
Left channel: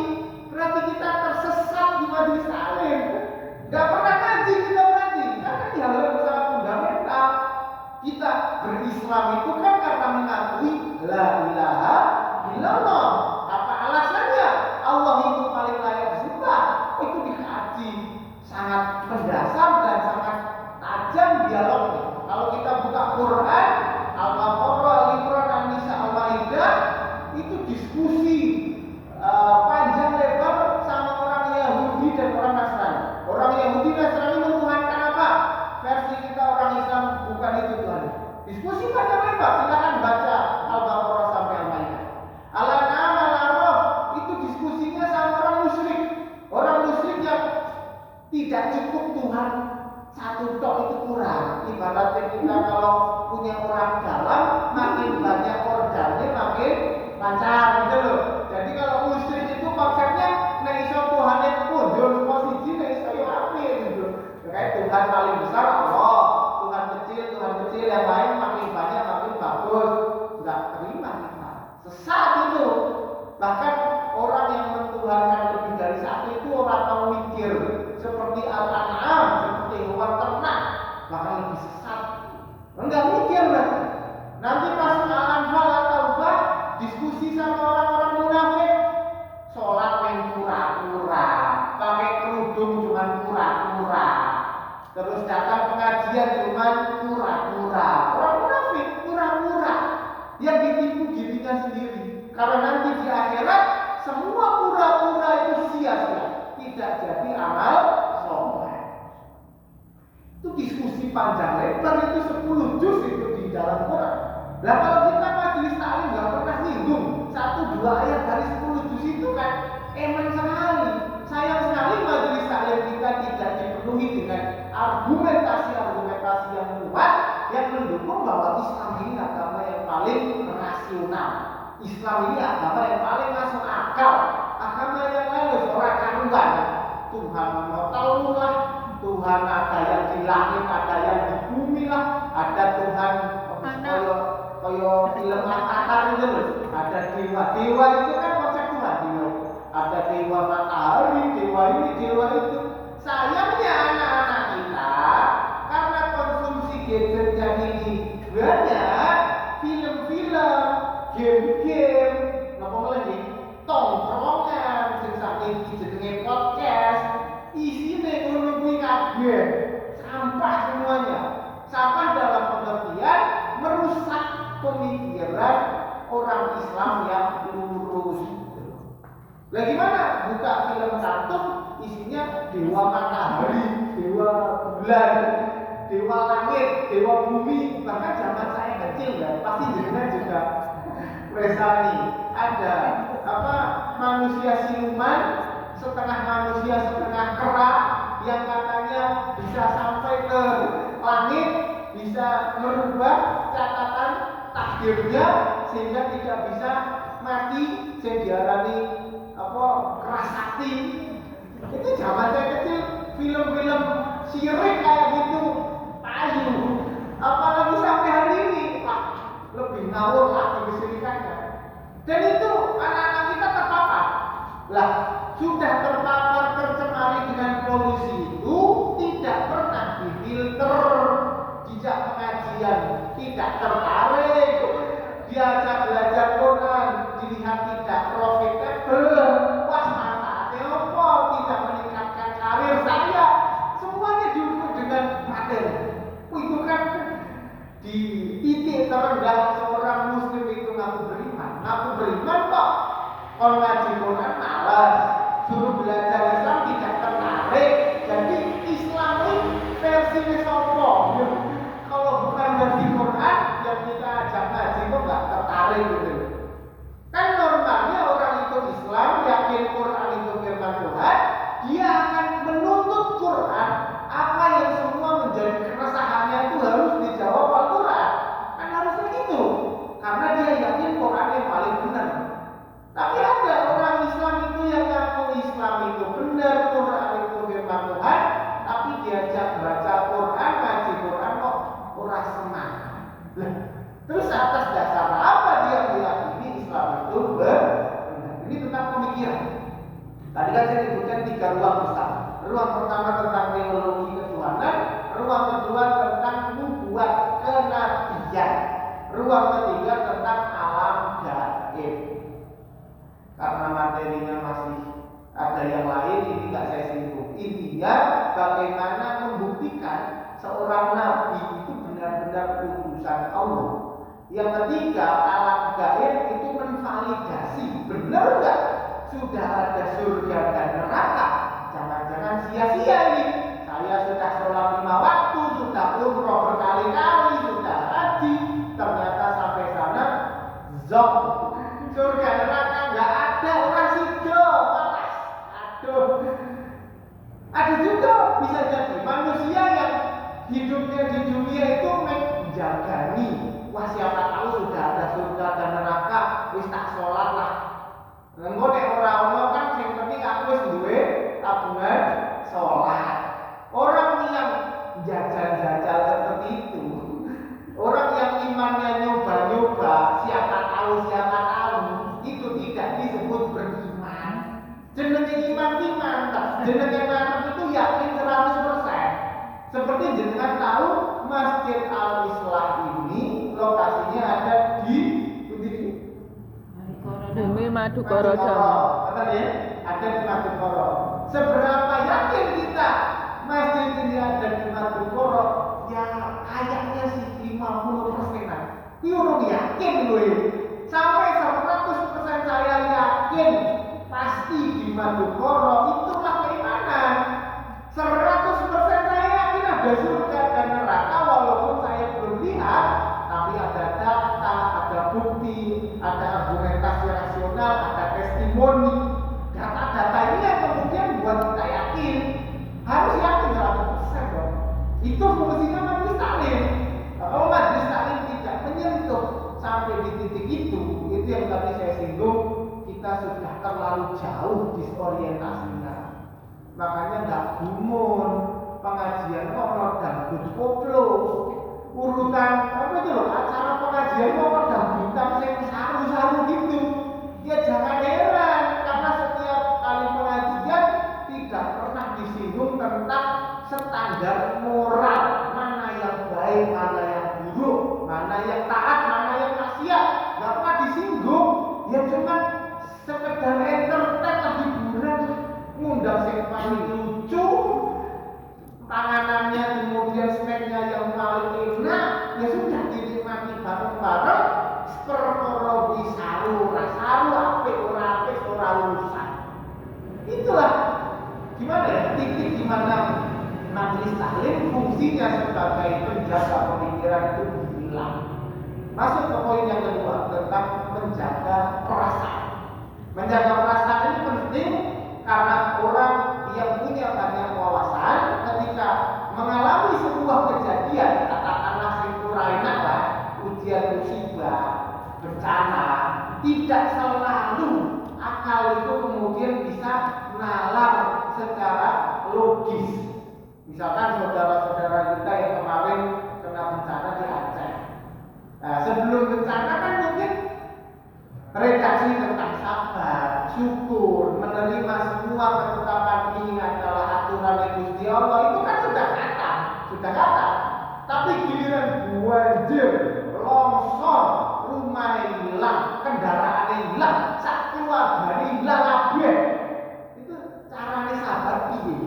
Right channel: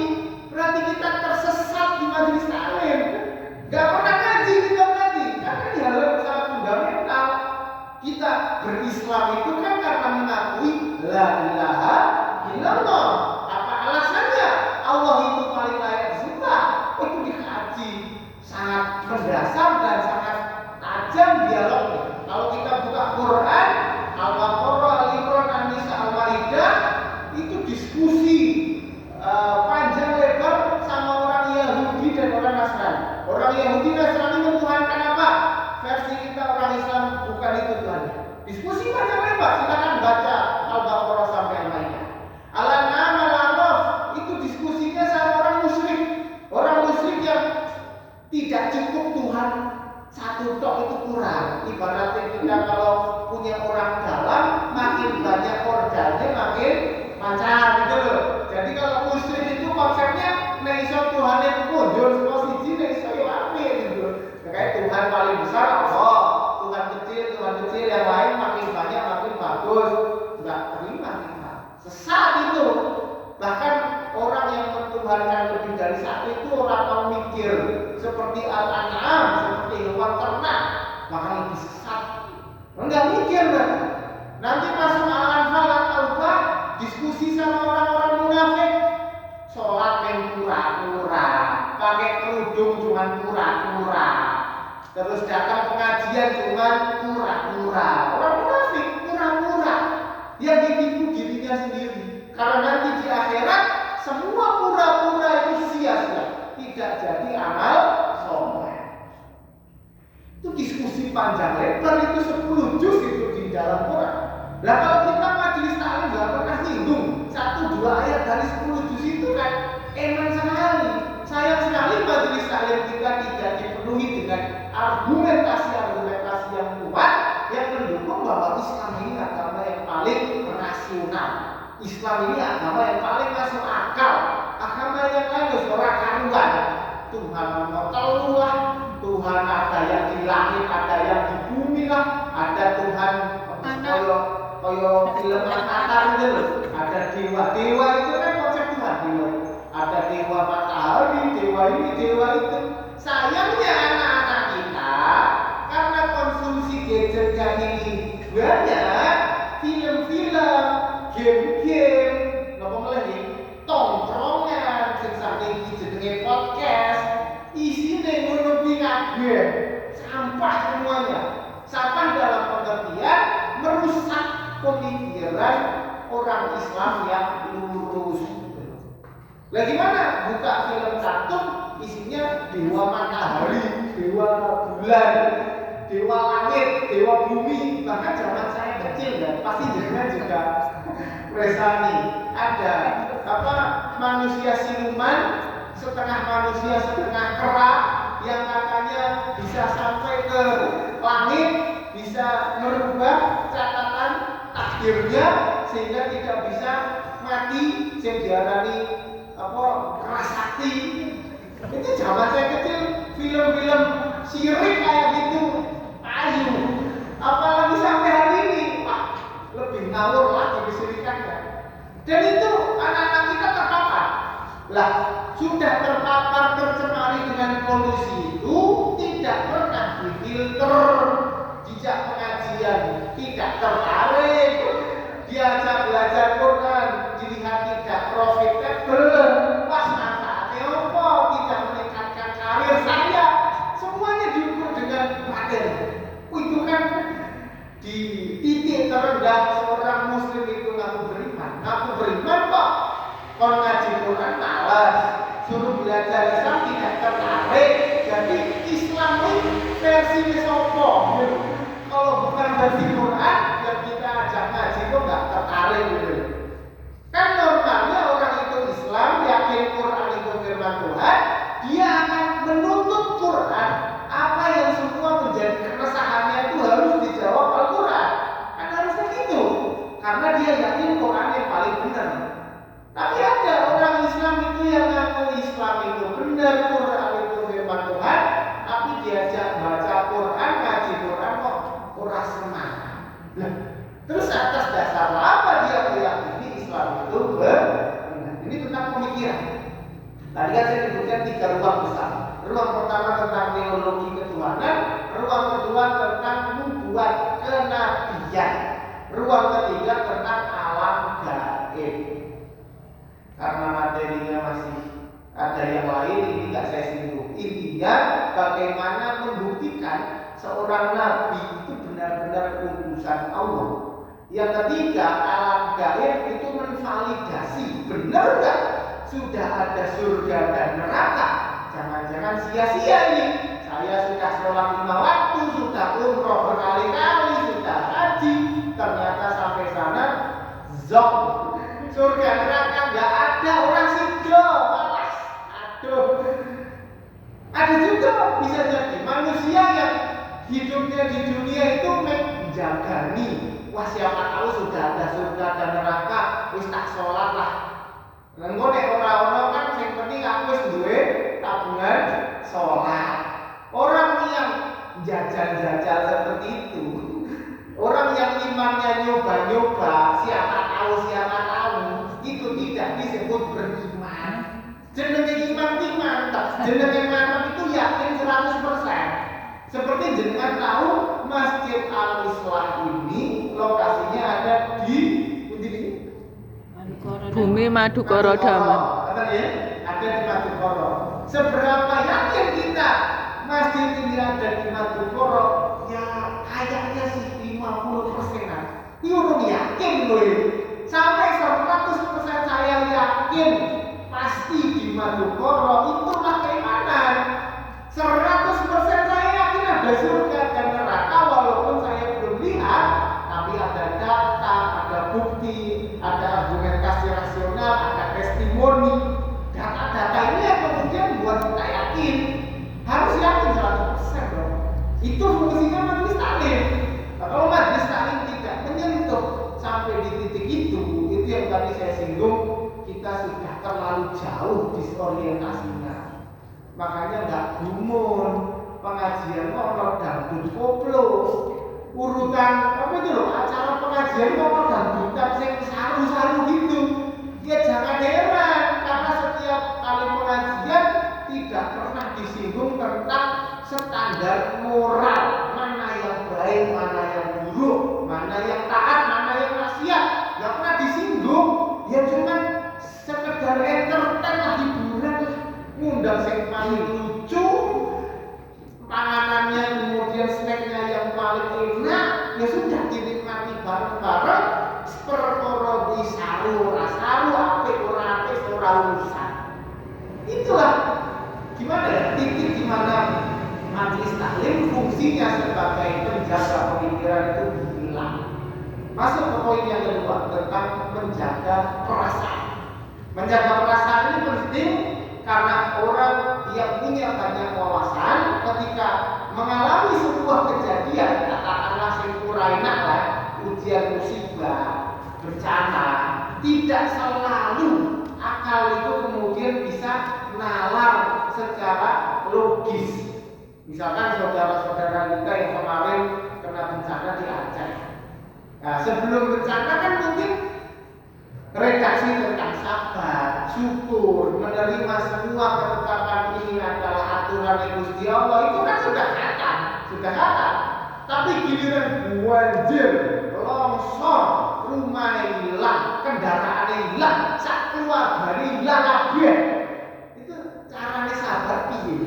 berarti kita tersesat di majelis taklim. Nggak pernah ngaji kita berarti, karena ini hal yang sangat fundamental. Kita berislam itu kan karena mengakui la ilaha illallah. Apa alasannya? Allah itu paling layak disembah. Itu dikaji sangat mendasar dan sangat tajam dialognya. Kalau kita buka Quran, Al-Baqarah, Al-Imran, An-Nisa, Al-Maidah, itu diskusi panjang lebar sama orang Yahudi dan orang Nasrani. Orang Yahudi Nasrani menuhankan apa? Versi kita orang Islam bukan itu Tuhannya. Diskusi panjang lebar, silakan baca Al-Baqarah sampai Al-Maidah. Al-An'am, Al-A'raf, itu diskusinya sama orang musyrik. Orang musyrik yang tidak cukup Tuhan satu tok itu kurang. Ibaratnya kita kalau punya orang dalam, makin banyak organnya makin lancar gitu loh. Jadi kalau musyrik itu konsepnya nek iso Tuhane mundur saka siji, nek iso yo apik gitu. Kayak Tuhan paling besar Allah, Tuhan kecil yang lain makin banyak makin bagus. Enggak terima kita. Sesat itu. Bahkan orang yang mentuhankan lebih dari satu itu orang tahu mikir, seperti Al-An'am, seperti hewan ternak, bahkan lebih sesat. Enggak mikir berarti. Nanti masuk Al-Anfal atau Taubah, diskusi sama orang-orang munafik, sholat yang pura-pura, pakai kerudung cuman pura-pura, terus datang pengajian cuman pura-pura. Orang munafik pura-pura, yang ditipu dirinya sendiri. Karena nanti di akhirat semua pura-pura itu sia-sia, tidak jadi amal soleh. Itu diskusi panjang lebar, itu 10 juz itu di dalam Quran. Lah kalau kita majelis taklim nggak pernah nyinggung 1-2 ayat dari 10 juz itu kan eman sekali. Sayang sekali majelis taklim kita tidak dipenuhi dengan argumentasi yang kuat yang mendukung bahwa Islam ini agama yang paling rasional. Islam ini agama yang paling masuk akal. Agama yang lain ora karuan. Tuhan mau lah, Tuhan ada yang di langit, ada yang di bumi lah, ada Tuhan koyo film Avatar itu loh. Ada dewa itu kan konsep Tuhan dewa. Ada dewa matahari, dewa ini, dewa itu. Sayangnya anak-anak kita karena konsumsi gadgetnya ini banyak, film-film, game-game, napa lagi tongkrongan, sing saking jenenge podcast, isine ngono kuwi kabeh sampah semuanya. Sampah dalam pengertian merusak pemikiran orang Islam yang lurus. Lah gimana? Buka film kartun isinya dewa matahari, dewa bulan, dewa langit, dewa bumi. Bahkan zaman saya kecil kan, pasti jenengan juga resani. Ada manusia siluman, setengah manusia setengah kera, yang katanya bisa sampai ke langit, bisa merubah catatan takdirnya sehingga tidak bisa mati, sing diarani keras sakti. Itu zaman saya kecil film-film syirik kayak gitu payu. Apalagi sampai hari ini, Pak, lebih ngawur lagi kesirikannya. Dan itu anak-anak kita terpapar. Lah, sudah terpapar tercemari dengan polusi itu tidak pernah difilter, dijak pengajian tidak tertarik, diajak belajar Quran dilihat tidak profitable, pas manfaatnya apa, tidak meningkatkan karir saya, semuanya diukur dengan materi. Itu kan di titik terendah seorang muslim itu ngaku beriman kok kalau ngaji Quran malas, suruh belajar Islam tidak tertarik. Jadi Islam ini versi sopo kalau bukan versi Quran yang kita ajak ngaji kok nggak tertarik gitu. Kan normalnya orang itu Islam, yakin Quran itu firman Tuhan, dia akan menuntut Quran. Apa yang semua menjadi keresahannya itu harus dijawab Al-Quran. Kan harusnya gitu, karena dia yakin Quran yang paling benar. Tapi ada orang Islam itu yang ngaku Islam itu benar, Quran itu firman Tuhan, tapi diajak baca Quran ruang besar. Ruang pertama tentang teologi ketuhanan, ruang kedua tentang nubuat kenabian, ruang ketiga tentang alam gaib. Karena materinya masih ada yang lain, ini nggak saya singgung. Intinya bagaimana membuktikan seorang nabi itu benar-benar utusan Allah. Yang ketiga, alam gaib itu menvalidasi benar nggak sudah ada surga dan neraka. Jangan-jangan sia-sia ini. Saya sudah sholat 5 waktu, sudah umroh berkali-kali, sudah haji, ternyata sampai sana zong, surga neraka nggak ada, orang sido, malas. Aduh, ada juga bisa jadi manusia yang hidupnya di dunia itu menjagani. Wah, siapa tahu sudah ada surga dan neraka, wis tak sholat lah. Engko nek ora ono kan sing penting aku wis duwe tabungan sholat. Orang yang jajal-jajal seperti itu, orang yang imannya nyoba-nyoba, siapa tahu, itu tidak disebut beriman. Jenenge iman mantap, jenenge mantap itu yakin 100%. Seperti jenengan tahu Masjid Al-Islah ini lokasinya ada di Bumi Madukara Daman. Betul ya? Ada di Madukara. Seberapa yakin kita masjid ini ada di Madukara? Ya kayaknya sih 50%-an. Ini orang yakin loh ya. Sampai 100% saya yakin pasti di Madukara. Itulah keimanan. 100% saya yakin ada surga dan neraka walaupun saya belum lihat, tapi ada data, ada bukti, ada argumentasi rasional, ada testimoni. Data-data ini yang kemudian buat kita yakin. Harus yakin 100% dong. Itu fungsinya majelis taklim. Kalau majelis taklim tidak menyentuh sampai di titik itu yang tadi saya singgung, kita sudah terlalu jauh disorientasinya. Makanya nggak gumun, pengajian ono dangdut koplo, urutan apa itu loh, acara pengajian ono dangdutan sing saru-saru gitu. Ya jangan heran, karena setiap kali pengajian tidak pernah disinggung tentang standar moral, mana yang baik, mana yang buruk, mana yang taat, mana yang maksiat, nggak pernah disinggung. Ya cuman sekedar entertain lah, hiburan lah, ngundang sing paling lucu, panganannya kemudian snacknya yang paling enak, ya sudah dinikmati bareng-bareng. Perkara saru, rasaru, apik ora apik ora urusan. Itulah gimana ya, titik di mana majelis taklim fungsinya sebagai penjaga pemikiran itu hilang. Masuk ke poin yang kedua tentang menjaga perasaan. Menjaga perasaan ini penting karena orang yang punya banyak wawasan ketika mengalami sebuah kejadian, katakanlah sing ora enak lah, ujian musibah, bencana, tidak selalu akal itu kemudian bisa nalar secara logis. Misalkan saudara-saudara kita yang kemarin kena bencana di Aceh. Nah, sebelum bencana kan mungkin redaksi tentang sabar, syukur, menerima semua ketetapan ini adalah aturan Gusti Allah, itu kan sudah kata. Tapi giliran banjir, longsor, rumah hilang, kendaraan hilang, sak keluarga hilang kabeh. Itu carane sabar piye?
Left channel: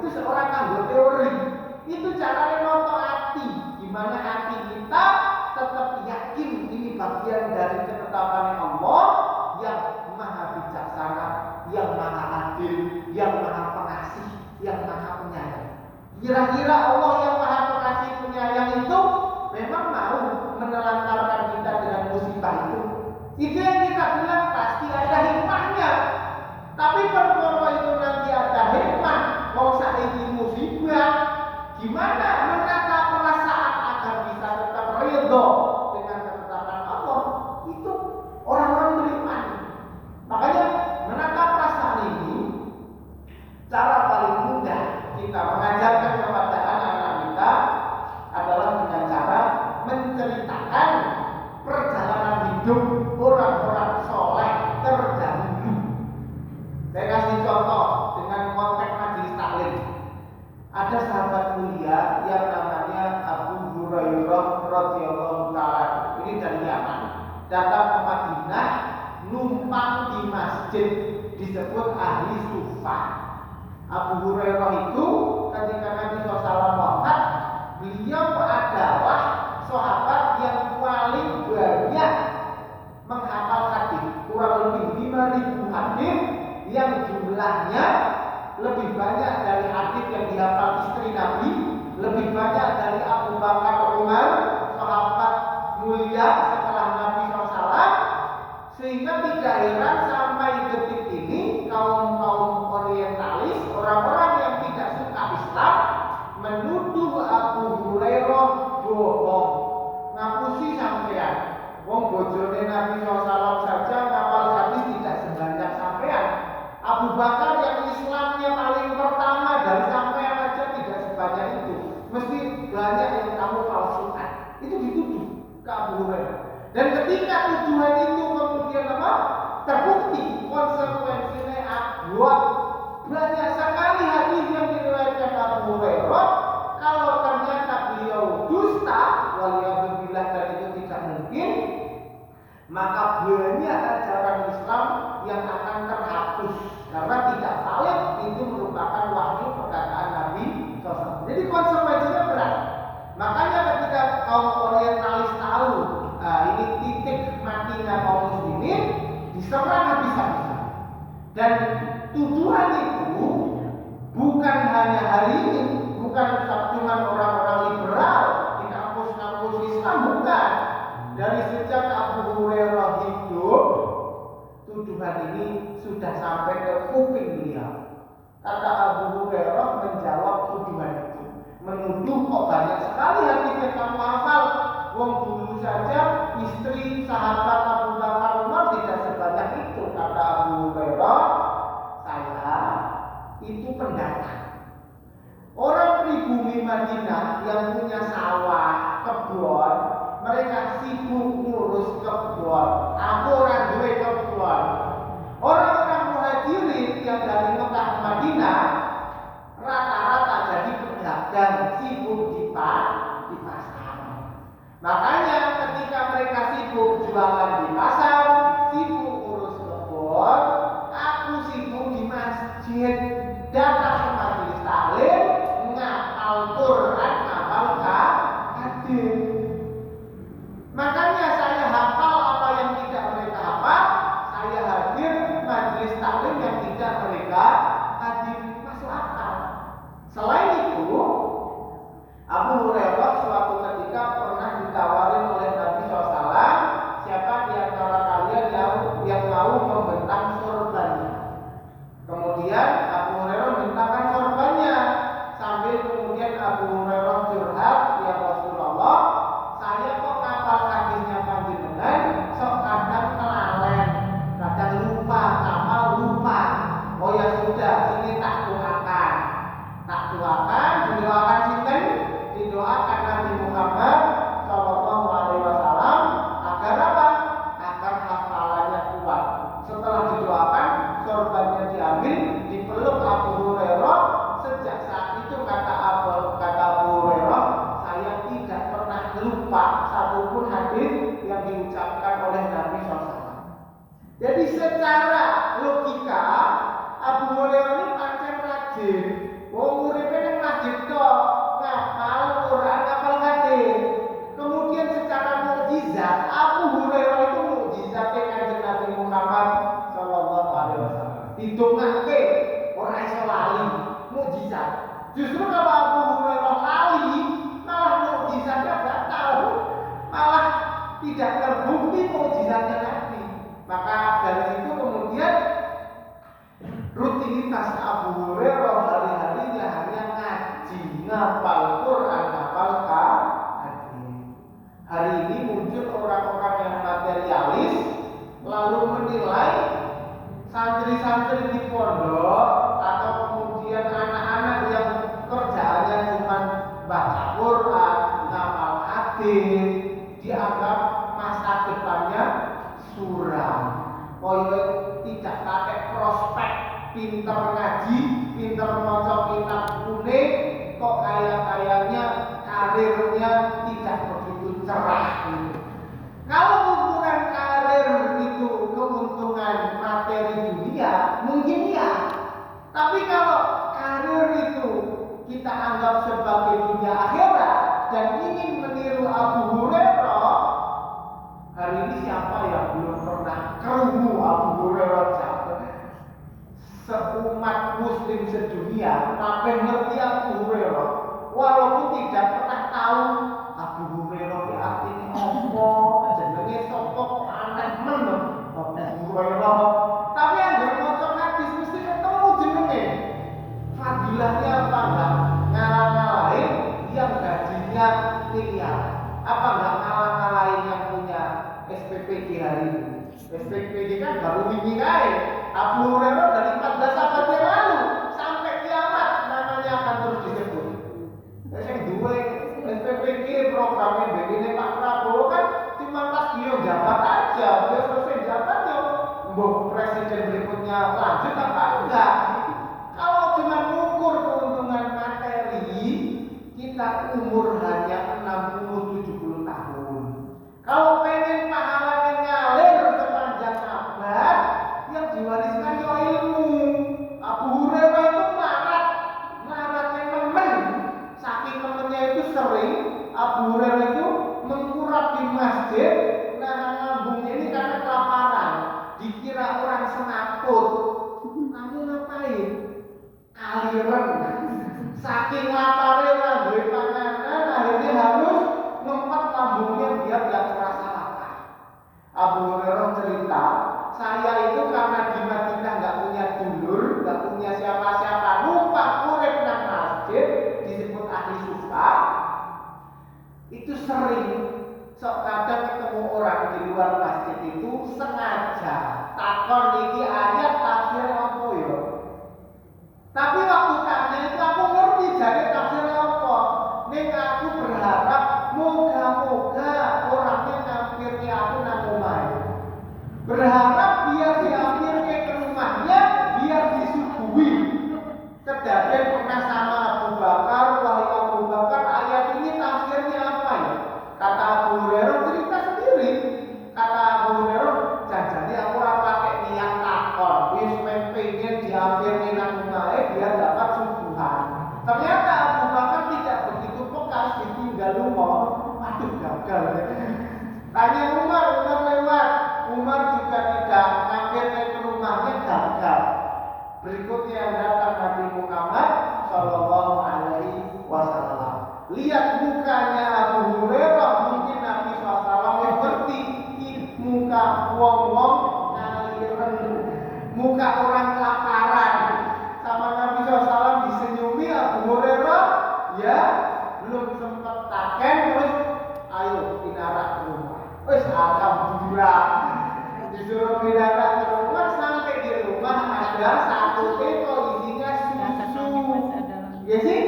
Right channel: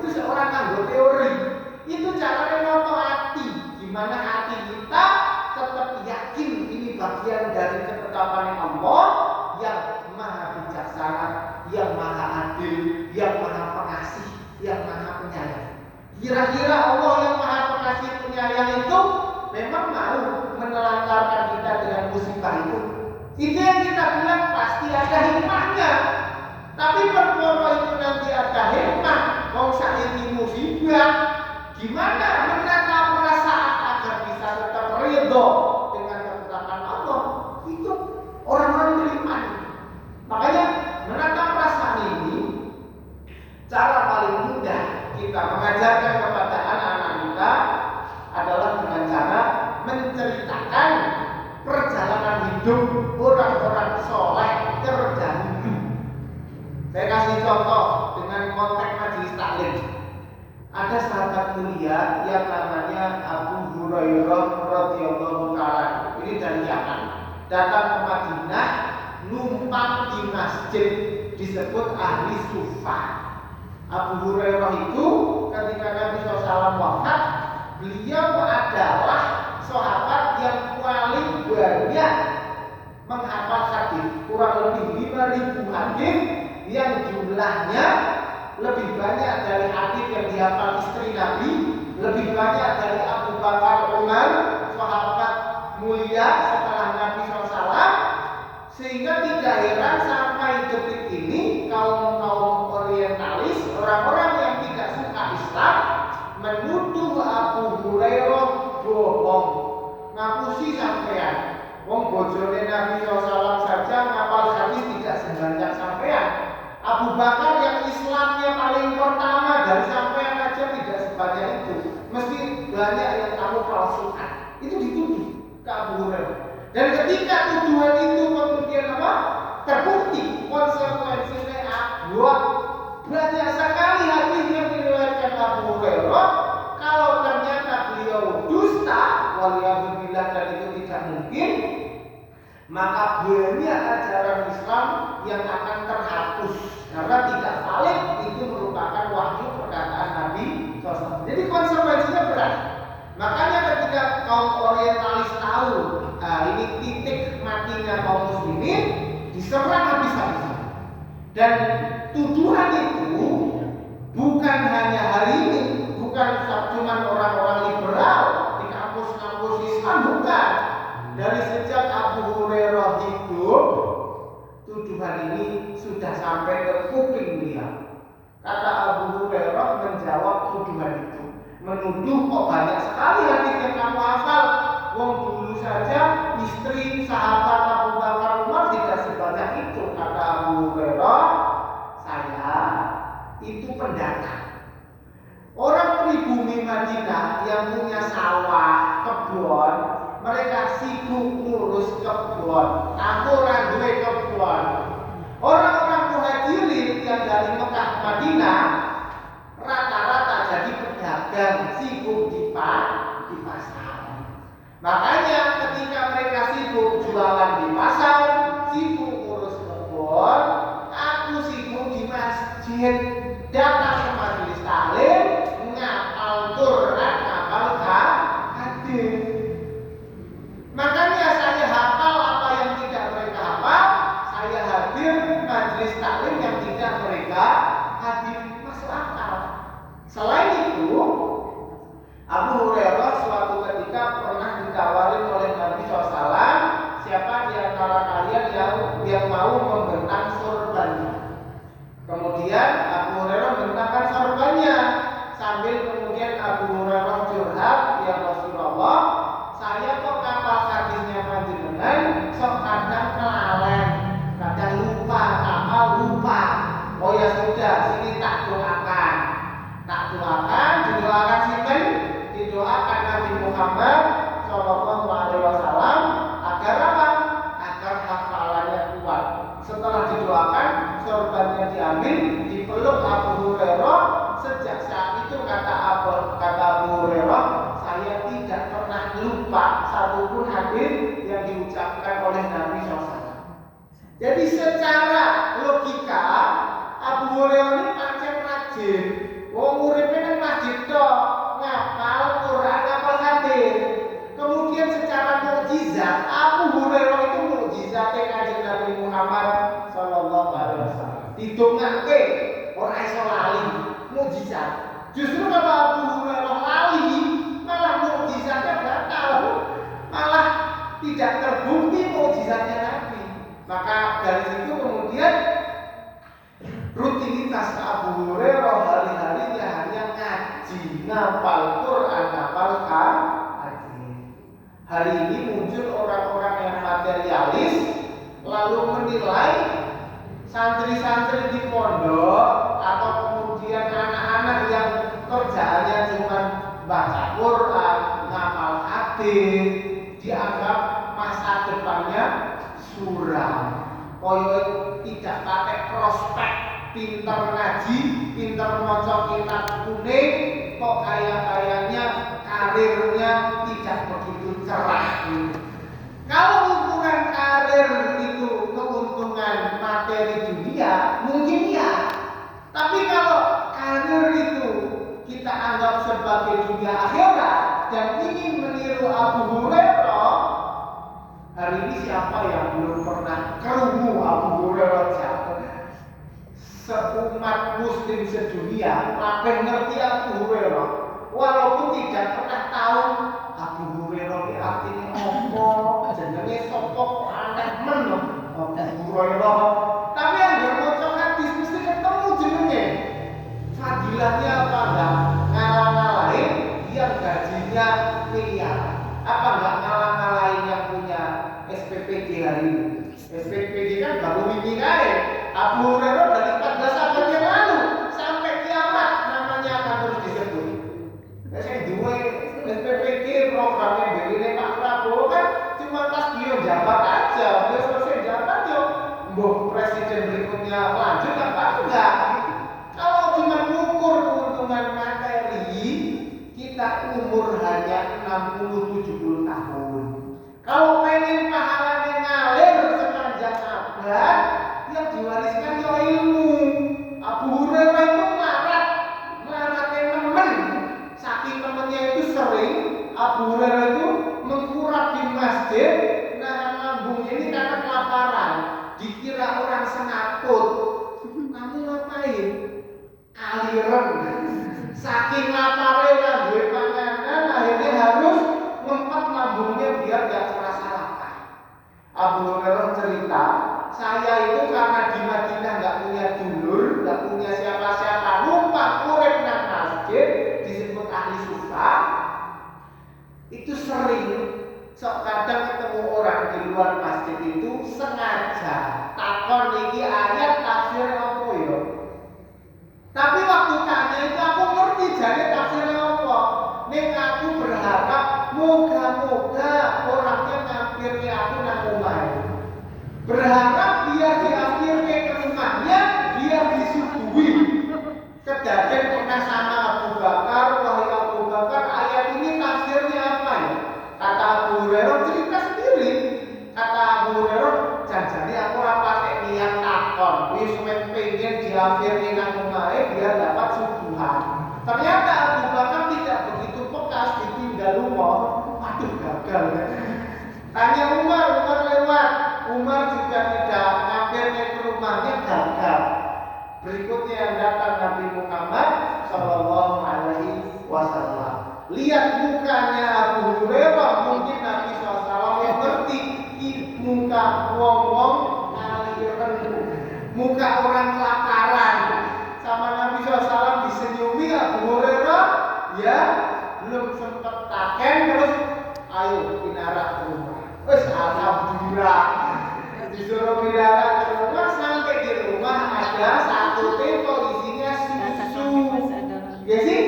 Itu seorang anggota teori. Itu carane noto hati, gimana hati kita tetap yakin ini bagian dari ketetapan Allah yang maha bijaksana, yang maha adil, yang maha pengasih, yang maha penyayang. Kira-kira Allah yang maha pengasih penyayang itu memang mau menelantarkan kita dengan musibah itu? Itu yang kita bilang pasti ada hikmahnya. Tapi perkara itu nanti ada hikmah, wong saiki musibah, gimana menata perasaan agar bisa tetap ridho dengan ketetapan Allah? Itu orang-orang beriman. Makanya menata perasaan ini cara paling mudah kita mengajarkan kepada anak-anak kita adalah dengan cara menceritakan perjalanan hidup orang-orang soleh terdahulu. Saya kasih contoh datang ke Madinah, numpang di masjid, disebut ahli sufa. Abu Hurairah itu ketika Nabi SAW wafat, beliau adalah sahabat yang paling banyak menghafal hadis, kurang lebih 5.000 hadis, yang jumlahnya lebih banyak dari hadis yang dihafal istri Nabi, lebih banyak dari Abu Bakar Umar, sahabat mulia setelah Nabi SAW. Sehingga tidak heran sampai detik ini kaum orientalis, orang-orang yang tidak suka Islam, menuduh Abu Hurairah bohong. Ngapusi sampean, wong bojone Nabi SAW saja ngapal hadis tidak sebanyak sampean. Abu Bakar yang Islamnya paling pertama dari sampean aja tidak sebanyak itu. Mesti banyak yang kamu palsukan. Itu dituduh ke Abu Hurairah. Dan ketika tuduhan itu kemudian terbukti, konsekuensinya banyak sekali hadis yang diriwayatkan Abu Hurairah. Kalau ternyata beliau dusta, waliyahudillah, dan itu tidak mungkin, maka banyak ajaran Islam yang akan terhapus karena tidak valid, itu merupakan wahyu perkataan Nabi SAW. Jadi konsekuensinya berat. Makanya ketika kaum orientalis tahu, ini titik matinya kaum muslimin, diserang habis-habisan. Dan tuduhan itu bukan hanya hari ini, bukan cuma orang-orang liberal di kampus-kampus Islam, bukan. Dari sejak Abu Hurairah hidup, tuduhan ini sudah sampai ke kuping beliau. Kata Abu Hurairah menjawab tuduhan itu, menuduh kok banyak sekali hadis yang kamu hafal. Wong dulu saja istri sahabat Abu Bakar Umar tidak sebanyak itu. Kata Abu Hurairah, saya itu pendatang. Orang pribumi Madinah yang punya sawah, kebun, mereka sibuk ngurus kebun. Aku orang duwe kebun. Orang-orang muhajirin yang dari Mekah ke Madinah rata-rata jadi pedagang, sibuk di pasar. Makanya ketika mereka sibuk jualan di pasar, sibuk ngurus kebun, aku sibuk di masjid, datang ke majelis taklim, ngapal Quran, ngapal hadis. Makanya saya hafal apa yang tidak mereka hafal, saya hadir majelis taklim yang tidak mereka hadir. Masuk akal. Selain itu, Abu Hurairah suatu ketika pernah ditawarin oleh Nabi SAW, siapa di antara kalian yang mau membentang sorbannya. Kemudian Abu Hurairah membentangkan sorbannya, sambil kemudian Abu Hurairah curhat, ya Rasulullah, saya kok kapal hadisnya panjenengan sok kadang kelalen, kadang lupa, kapal lupa. Oh ya sudah, sini tak doakan, didoakan sinten? Didoakan Nabi Muhammad Shallallahu Alaihi Wasallam agar apa? Agar hafalannya kuat. Setelah didoakan, sorbannya diambil, dipeluk Abu Hurairah. Sejak saat itu kata Abu Hurairah, saya tidak pernah lupa satupun hadis yang diucapkan oleh Nabi SAW. Jadi secara logika Abu Hurairah ini pancen rajin. Wong uripe nang masjid tok, ngapal Quran, ngapal hadis. Kemudian secara mukjizat, Abu Hurairah itu mukjizate Kanjeng Nabi Muhammad sallallahu alaihi wasallam. Didongake ora iso lali, mukjizat. Justru kalau Abu Hurairah lali, malah mukjizatnya batal. Malah tidak terbukti mukjizatnya Nabi. Maka dari situ kemudian rutinitas Abu Hurairah hari-harinya hanya ngaji, ngapal Quran, ngapal hadis. Hari ini muncul orang-orang yang materialis lalu menilai santri-santri di pondok atau kemudian anak-anak yang kerjaannya cuma baca Quran, ngapal hadis, dianggap masa depannya suram. Koyo tidak pakai prospek, pinter ngaji, pinter maca kitab kuning, kok kayaknya karirnya tidak begitu cerah. Kalau ukuran kita anggap sebagai dunia akhirat dan ingin meniru Abu Hurairah, hari ini siapa yang belum pernah kerungu Abu Hurairah jatuh? Seumat muslim sedunia kabeh ngerti Abu Hurairah, walaupun tidak pernah tahu Abu Hurairah ki artine apa, jenenge sapa, aneh men Abu Hurairah. Tapi yang maca hadis mesti ketemu jenenge. Fadilahnya apa enggak? Ngalah-ngalahin yang gajinya miliaran. Apa enggak ngalah-ngalahin yang punya SPPD hari ini? SPPD kan baru wingi kae. Abu Hurairah dari 14 abad yang lalu sampai kiamat namanya akan terus disebut. Saya duwe SPPD programnya begini Pak Prabowo kan cuma pas dia jabat aja, dia selesai jabat yo mbok presiden berikutnya lanjut apa enggak. Kalau cuma mengukur keuntungan materi, kita umur hanya 60-70 tahun. Kalau pengen pahalanya ngalir sepanjang abad, yang diwariskan yo ilmu. Abu Hurairah itu melaratnya nemen. Saking nemennya itu sering Abu Hurairah itu mengkurap di masjid, nahan lambungnya ini karena kelaparan. Dikira orang senaput. Kamu ngapain? Aliran. Saking laparnya orang duwe panganan, akhirnya harus ngempet lambungnya biar gak terasa lapar. Abu Hurairah cerita, saya itu karena di Madinah gak punya dulur, gak punya siapa-siapa, numpang urip nang masjid, disebut ahli sufah. Itu sering sok kadang ketemu orang di luar masjid itu sengaja takon iki ayat tafsir apa ya. Tapi waktu tanya itu aku ngerti jane tafsirnya apa. Ning aku berharap moga-moga orangnya ngampir ke aku nang omahe. Berharap biar diampir ke rumahnya, biar disuguhi. Kejadian pernah sama Abu Bakar, wahai Abu Bakar, ayat ini tafsirnya apa ya? Kata Abu Hurairah cerita sendiri. Kata Abu Hurairah, janjane aku ora pakai niat takon, wis pengen diampir nang omahe biar dapat suguhan. Ternyata Abu Bakar tidak begitu peka, ditinggal rumah. Aduh gagal ya. Tanya Umar lewat. Umar juga tidak mampir ke rumahnya, gagal. Berikutnya yang datang Nabi Muhammad Sallallahu Alaihi Wasallam. Lihat mukanya Abu Hurairah, mungkin Nabi SAW yang ngerti muka wong-wong aliran, muka orang kelaparan. Sama Nabi SAW disenyumi Abu Hurairah, ya belum sempat taken terus ayo pindah ke rumah. Wes alhamdulillah disuruh pindah ke rumah, sampai di rumah ada satu teko isinya susu. Ya sih?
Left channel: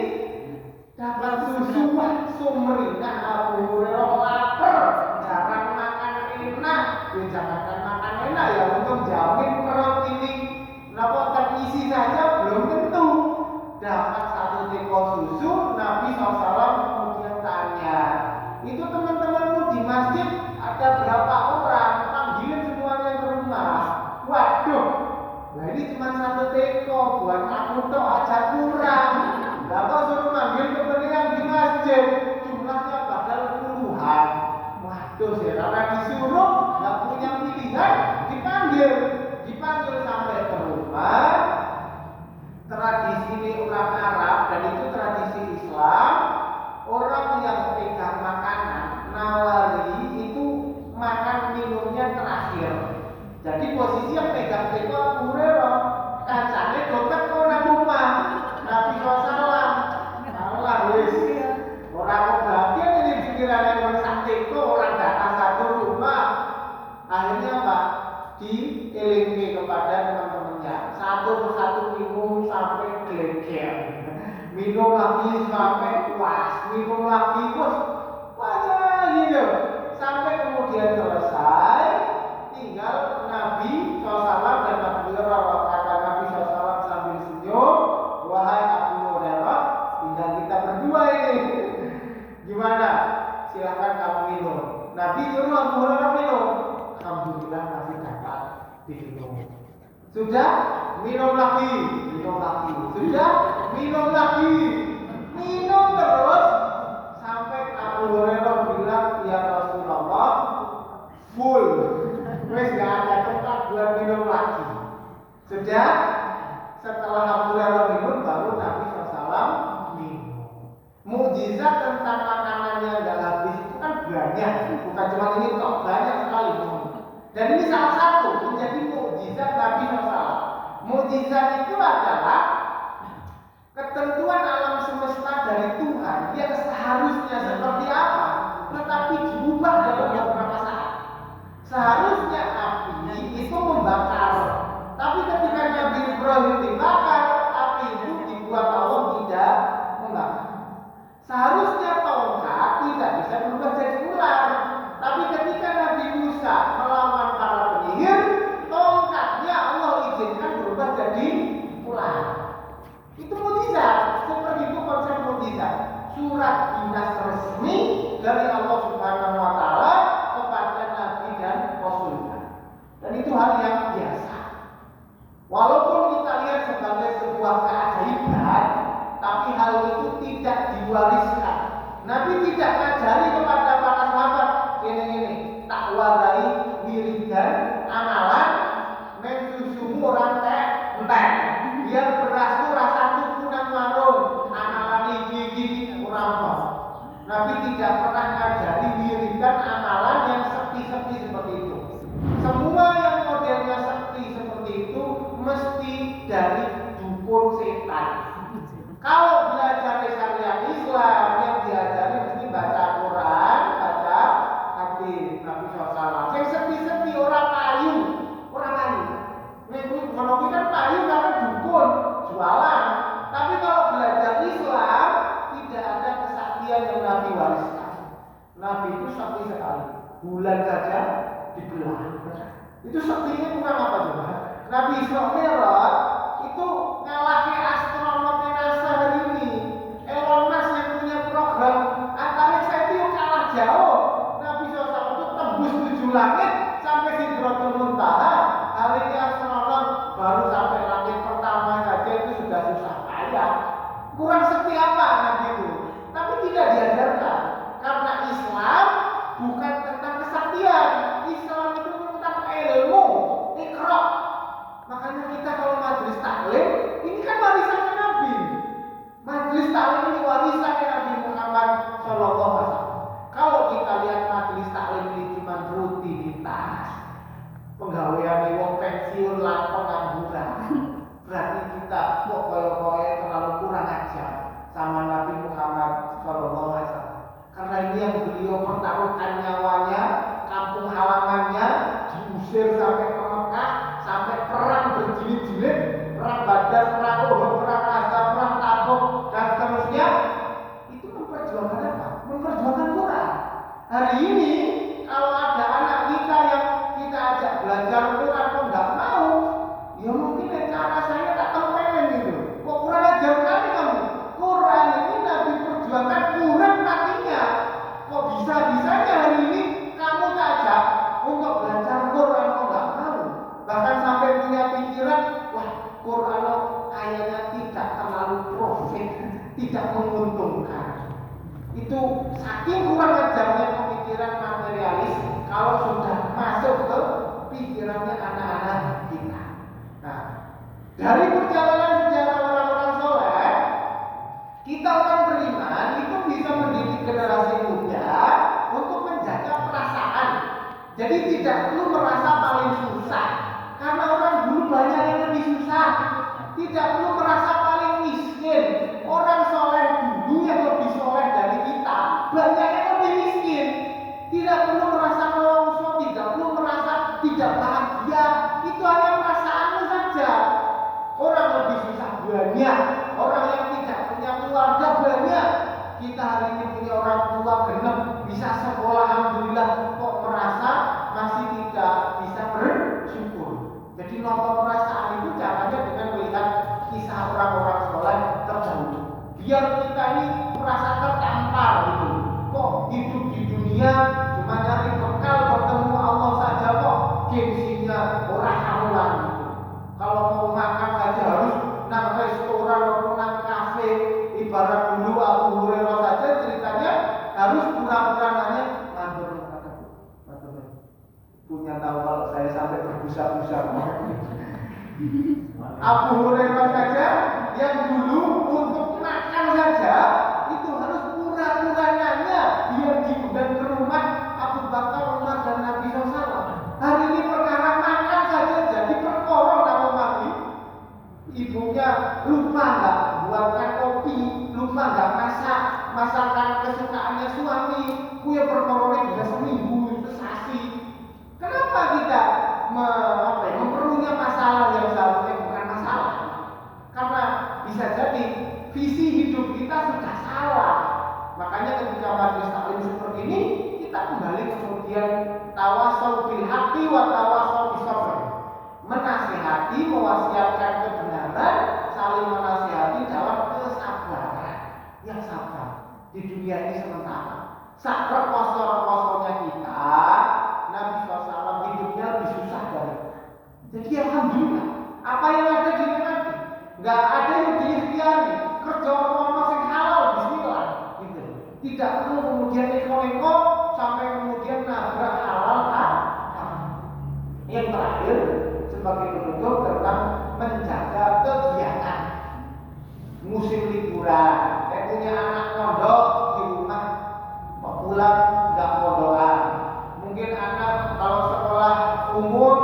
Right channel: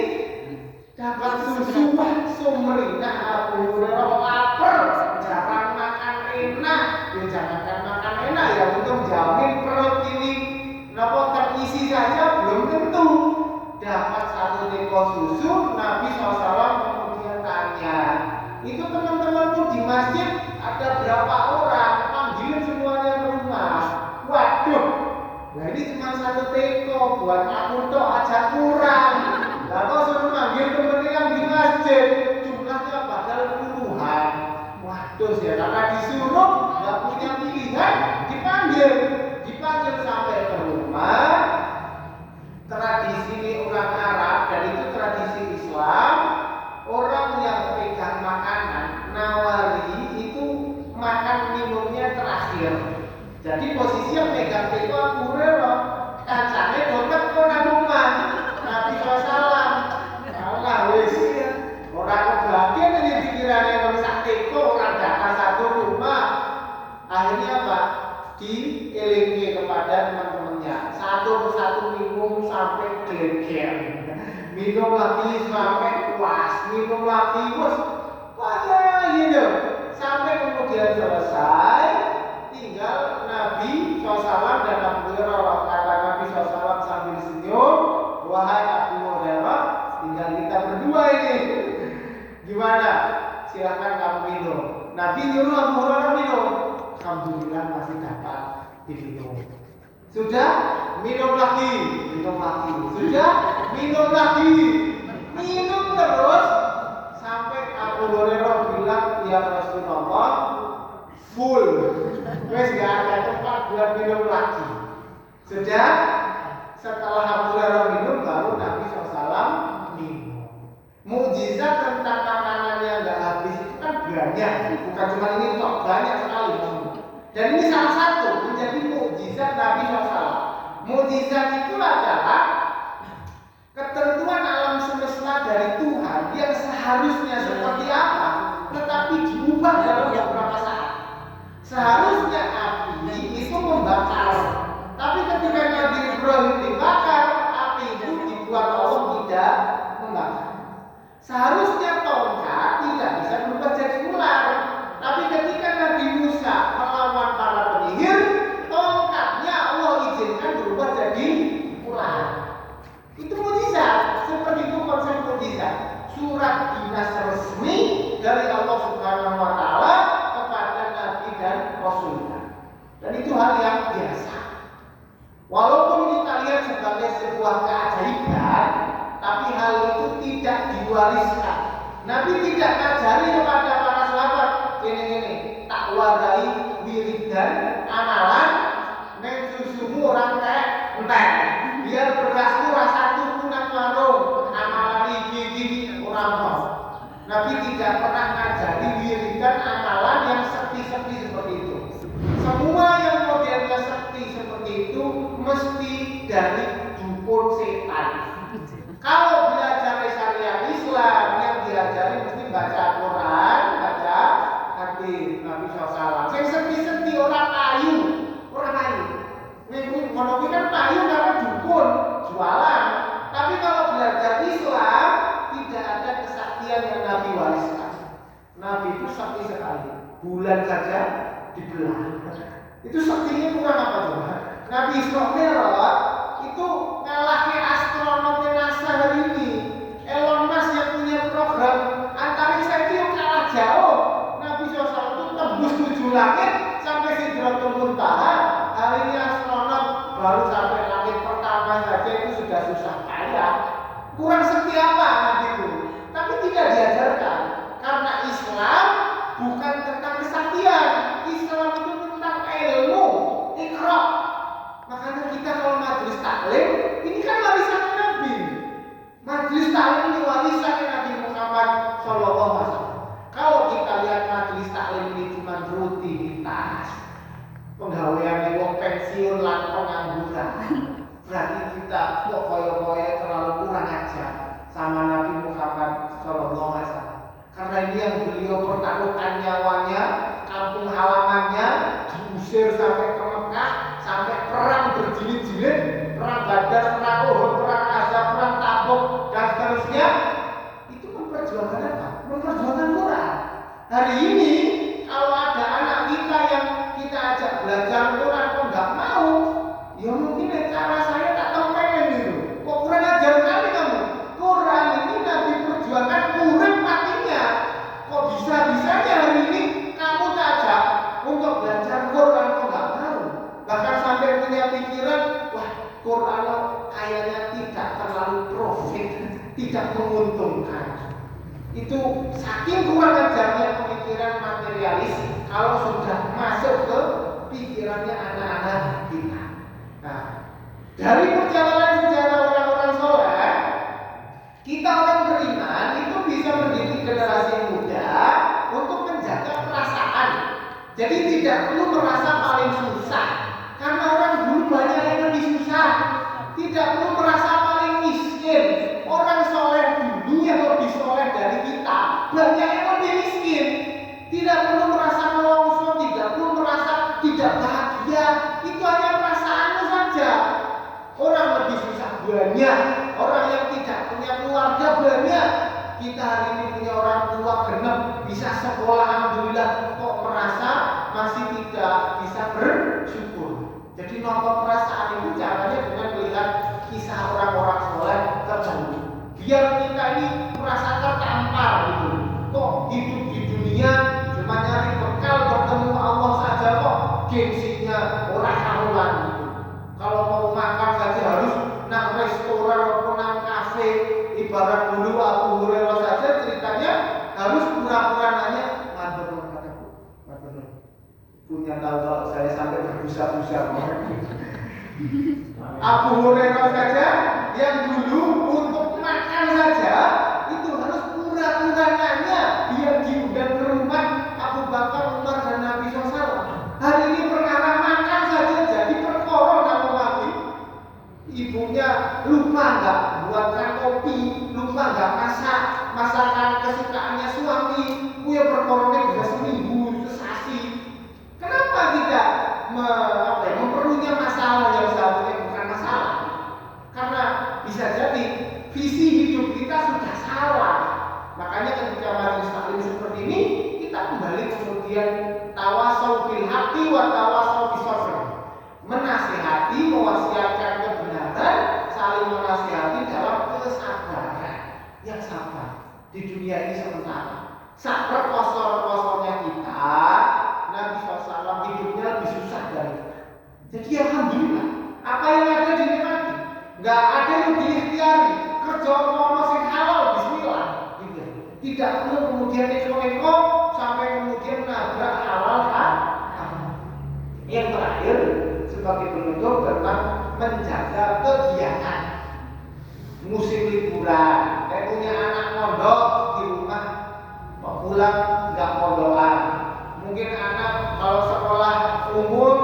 Dapat susu, wah sumringah Abu Hurairah lapar, jarang makan enak. Ya jangankan makan enak ya, untuk jamin perut ini kenapa terisi saja belum tentu. Dapat satu teko susu, Nabi SAW kemudian tanya, itu teman-temanmu di masjid ada berapa orang? Panggilin semuanya ke rumah. Waduh, nah ini cuma satu teko, buat aku tok aja kurang. Lah kok suruh manggil temennya yang di masjid, jumlahnya padahal puluhan. Waduh ya, karena disuruh nggak punya pilihan, dipanggil sampai ke rumah. Tradisi ini orang Arab dan itu tradisi Islam. Orang yang pegang makanan nawari itu makan minumnya terakhir. Jadi posisi yang pegang teko Abu Hurairah, kancane dompet ora rumah. Nabi SAW, Allah wis orang kebagian ini pikirannya kalau sak teko orang datang satu rumah. Akhirnya apa? Dielingi kepada teman-temannya, satu persatu minum sampai geleger. Minum lagi sampai puas, minum lagi puas, gitu. Sampai kemudian selesai, tinggal Nabi SAW dan Abu Hurairah. Kata Nabi SAW sambil senyum, wahai Abu Hurairah, tinggal kita berdua ini. Gimana? Silahkan kamu minum. Nabi nyuruh Abu Hurairah minum. Alhamdulillah masih dapat diminum. Sudah minum lagi, minum lagi. Sudah minum lagi. minum terus sampai Abu Hurairah bilang, ya Rasulullah, full, wes gak ada tempat buat minum lagi. Sudah, setelah Abu Hurairah minum, baru Nabi SAW minum. Mukjizat tentang makanannya nggak habis itu kan banyak, bukan cuma ini kok, banyak sekali. Dan ini salah satu menjadi mukjizat Nabi SAW. Mukjizat itu adalah ketentuan alam semesta dari Tuhan yang seharusnya seperti apa, tetapi diubah dalam beberapa saat. Seharusnya api itu membakar, tapi ketika Nabi Ibrahim dibakar, api itu dibuat Allah tidak membakar. Seharusnya tongkat tidak bisa berubah jadi ular, tapi ketika Nabi Musa melawan para penyihir, tongkatnya Allah izinkan berubah jadi ular. Itu mukjizat, seperti itu konsep mukjizat. Surat dinas resmi dari Allah Subhanahu wa taala kepada nabi dan rasulnya. Dan itu hal yang biasa. Walaupun kita lihat sebagai sebuah keajaiban, tapi hal itu tidak diwariskan. Nabi tidak ngajari kepada para sahabat, ini tak warai wiridan amalan mensusumu orang entek. Biar berasku rasa tuku nang warung, amalan iki orang mau. Nabi tidak pernah ngajari wiridan amalan yang sekti-sekti seperti itu. Semua yang modelnya sekti seperti itu mesti dari dukun setan. Kalau belajar syariat Islam yang diajari mesti baca Quran, baca hadis Nabi SAW. Yang sekti-sekti orang payu, orang payu. Kalau kan payu karena dukun, jualan. Tapi kalau belajar Islam tidak ada kesaktian yang Nabi wariskan. Nabi itu sakti sekali. Bulan saja dibelah. Itu saktinya kurang apa coba? Nabi Isra Mi'raj itu ngalahnya astronotnya NASA hari ini. Elon Musk yang punya program antariksa itu yang kalah jauh. Nabi SAW itu tembus 7 langit sampai Sidratul Muntaha. Hari ini astronot baru sampai langit pertama saja itu sudah susah payah. Kurang seperti apa Nabi itu? Tapi tidak diajarkan. Karena Islam bukan tentang kesaktian. Islam itu tentang ilmu, iqra. Makanya kita kalau majelis taklim, ini kan warisan Nabi. Majelis taklim ini warisan Nabi Muhammad SAW. Kalau kita lihat majelis taklim ini cuma rutinitas, penggawean wong pensiun lan pengangguran, berarti kita kok koyo-koyo terlalu kurang ajar sama Nabi Muhammad SAW. Karena ini yang beliau pertaruhkan nyawanya, kampung halamannya diusir sampai ke Mekah, sampai perang berjilid-jilid, perang Badar, perang Uhud, perang Ahzab, perang Tabuk dan seterusnya. Itu memperjuangkan apa? Memperjuangkan Quran. Hari ini kalau ada anak kita yang kita ajak belajar Quran kok nggak mau, ya mungkin cara saya tak tempenin gitu. Kok kurang ajar kali kamu? Quran ini Nabi perjuangkan urip matinya. Kok bisa-bisanya hari ini kamu ajak untuk belajar Quran kok nggak mau? Bahkan sampai punya pikiran, wah Quran kayaknya tidak terlalu profit, tidak menguntungkan. Itu saking kurang ajarnya pemikiran materialis kalau sudah masuk ke pikirannya anak-anak kita. Nah, dari perjalanan sejarah orang-orang soleh, kita orang beriman itu bisa mendidik generasi muda untuk menjaga perasaan. Jadi tidak perlu merasa paling susah, karena orang dulu banyak yang lebih susah. Tidak perlu merasa paling miskin. Orang soleh dulu yang lebih soleh dari kita banyak yang lebih miskin. Tidak perlu merasa melongso, tidak perlu merasa tidak bahagia. Itu hanya perasaanmu saja. Orang lebih susah banyak, orang yang tidak punya keluarga banyak. Kita hari ini punya orang tua genep, bisa sekolah, alhamdulillah. Kok merasa masih tidak bisa bersyukur. Jadi nonton perasaan itu caranya dengan melihat kisah orang-orang soleh terdahulu. Biar kita ini merasa tertampar gitu. Kok hidup di dunia cuma nyari bekal bertemu Allah saja kok gengsinya orang karuan gitu. Kalau mau makan saja harus nang restoran atau nang kafe, ibarat dulu berbusa-busa. Abu Hurairah saja yang dulu untuk makan saja itu harus pura-pura nanya biar diundang ke rumah Abu Bakar, Umar dan Nabi SAW. Hari ini perkara makan saja jadi perkara kalau mati. Ibunya lupa nggak buatkan kopi, lupa nggak masak masakan kesukaannya suami, punya perkorone bisa seminggu, sesasi. Kenapa kita memperlunya masalah yang seharusnya bukan masalah? Karena bisa jadi visi hidup kita sudah salah. Makanya ketika majelis taklim seperti ini, kita kembali kemudian tawasau bil haqqi wa tawasau bis sabr. Menasihati, mewasiatkan kebenaran, saling menasihati dalam kesabaran. Yang sabar di dunia ini sementara. Sabar kosor-kosornya kita, Nabi SAW hidupnya lebih susah dari kita. Jadi alhamdulillah, apa yang ada dinikmati. Nggak ada yang diikhtiari. Kerja ono sing halal, bismillah. Gitu. Tidak perlu kemudian neko-neko sampai kemudian nabrak halal haram. Yang terakhir sebagai penutup tentang menjaga kegiatan musim liburan. Saya punya anak mondok di rumah, mau pulang nggak mondokan. Mungkin anak kalau sekolah umum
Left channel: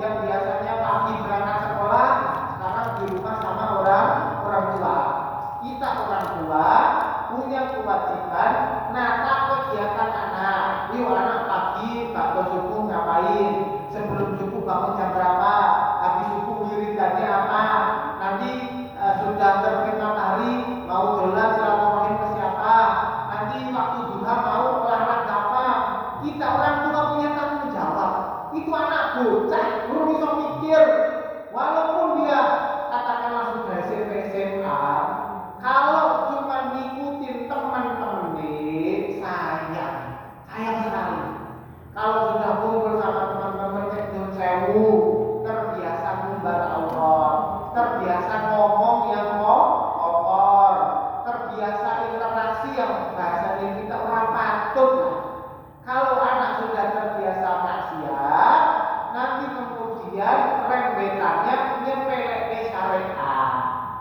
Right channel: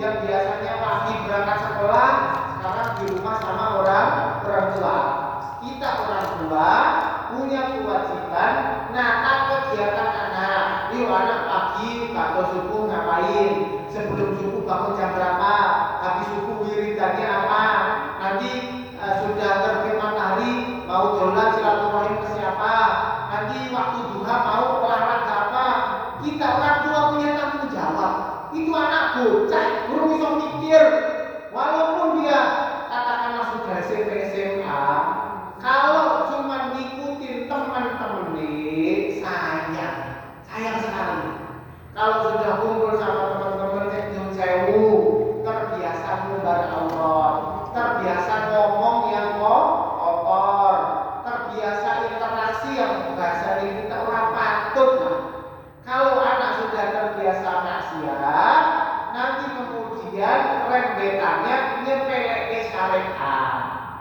yang biasanya pagi berangkat sekolah, sekarang di rumah sama orang tua. Kita orang tua punya kewajiban nata kegiatan anak. Yuk anak pagi waktu subuh ngapain? Sebelum subuh bangun jam berapa? Habis subuh wiridannya apa? Nanti sudah terbit matahari mau dolan silaturahim ke siapa? Nanti waktu duha mau olahraga apa? Kita orang tua punya tanggung jawab. Itu anak bocah belum bisa mikir. Walaupun dia katakanlah sudah SMP SMA, kalau cuma ngikutin teman-teman sayang sekali. Kalau sudah kumpul sama teman-teman cek sewu, terbiasa ngumbar Allah, terbiasa ngomong yang kotor, terbiasa interaksi yang bahasa kita orang patut lah. Kalau anak sudah terbiasa maksiat, nanti kemudian rembetannya nyepeleke syariat.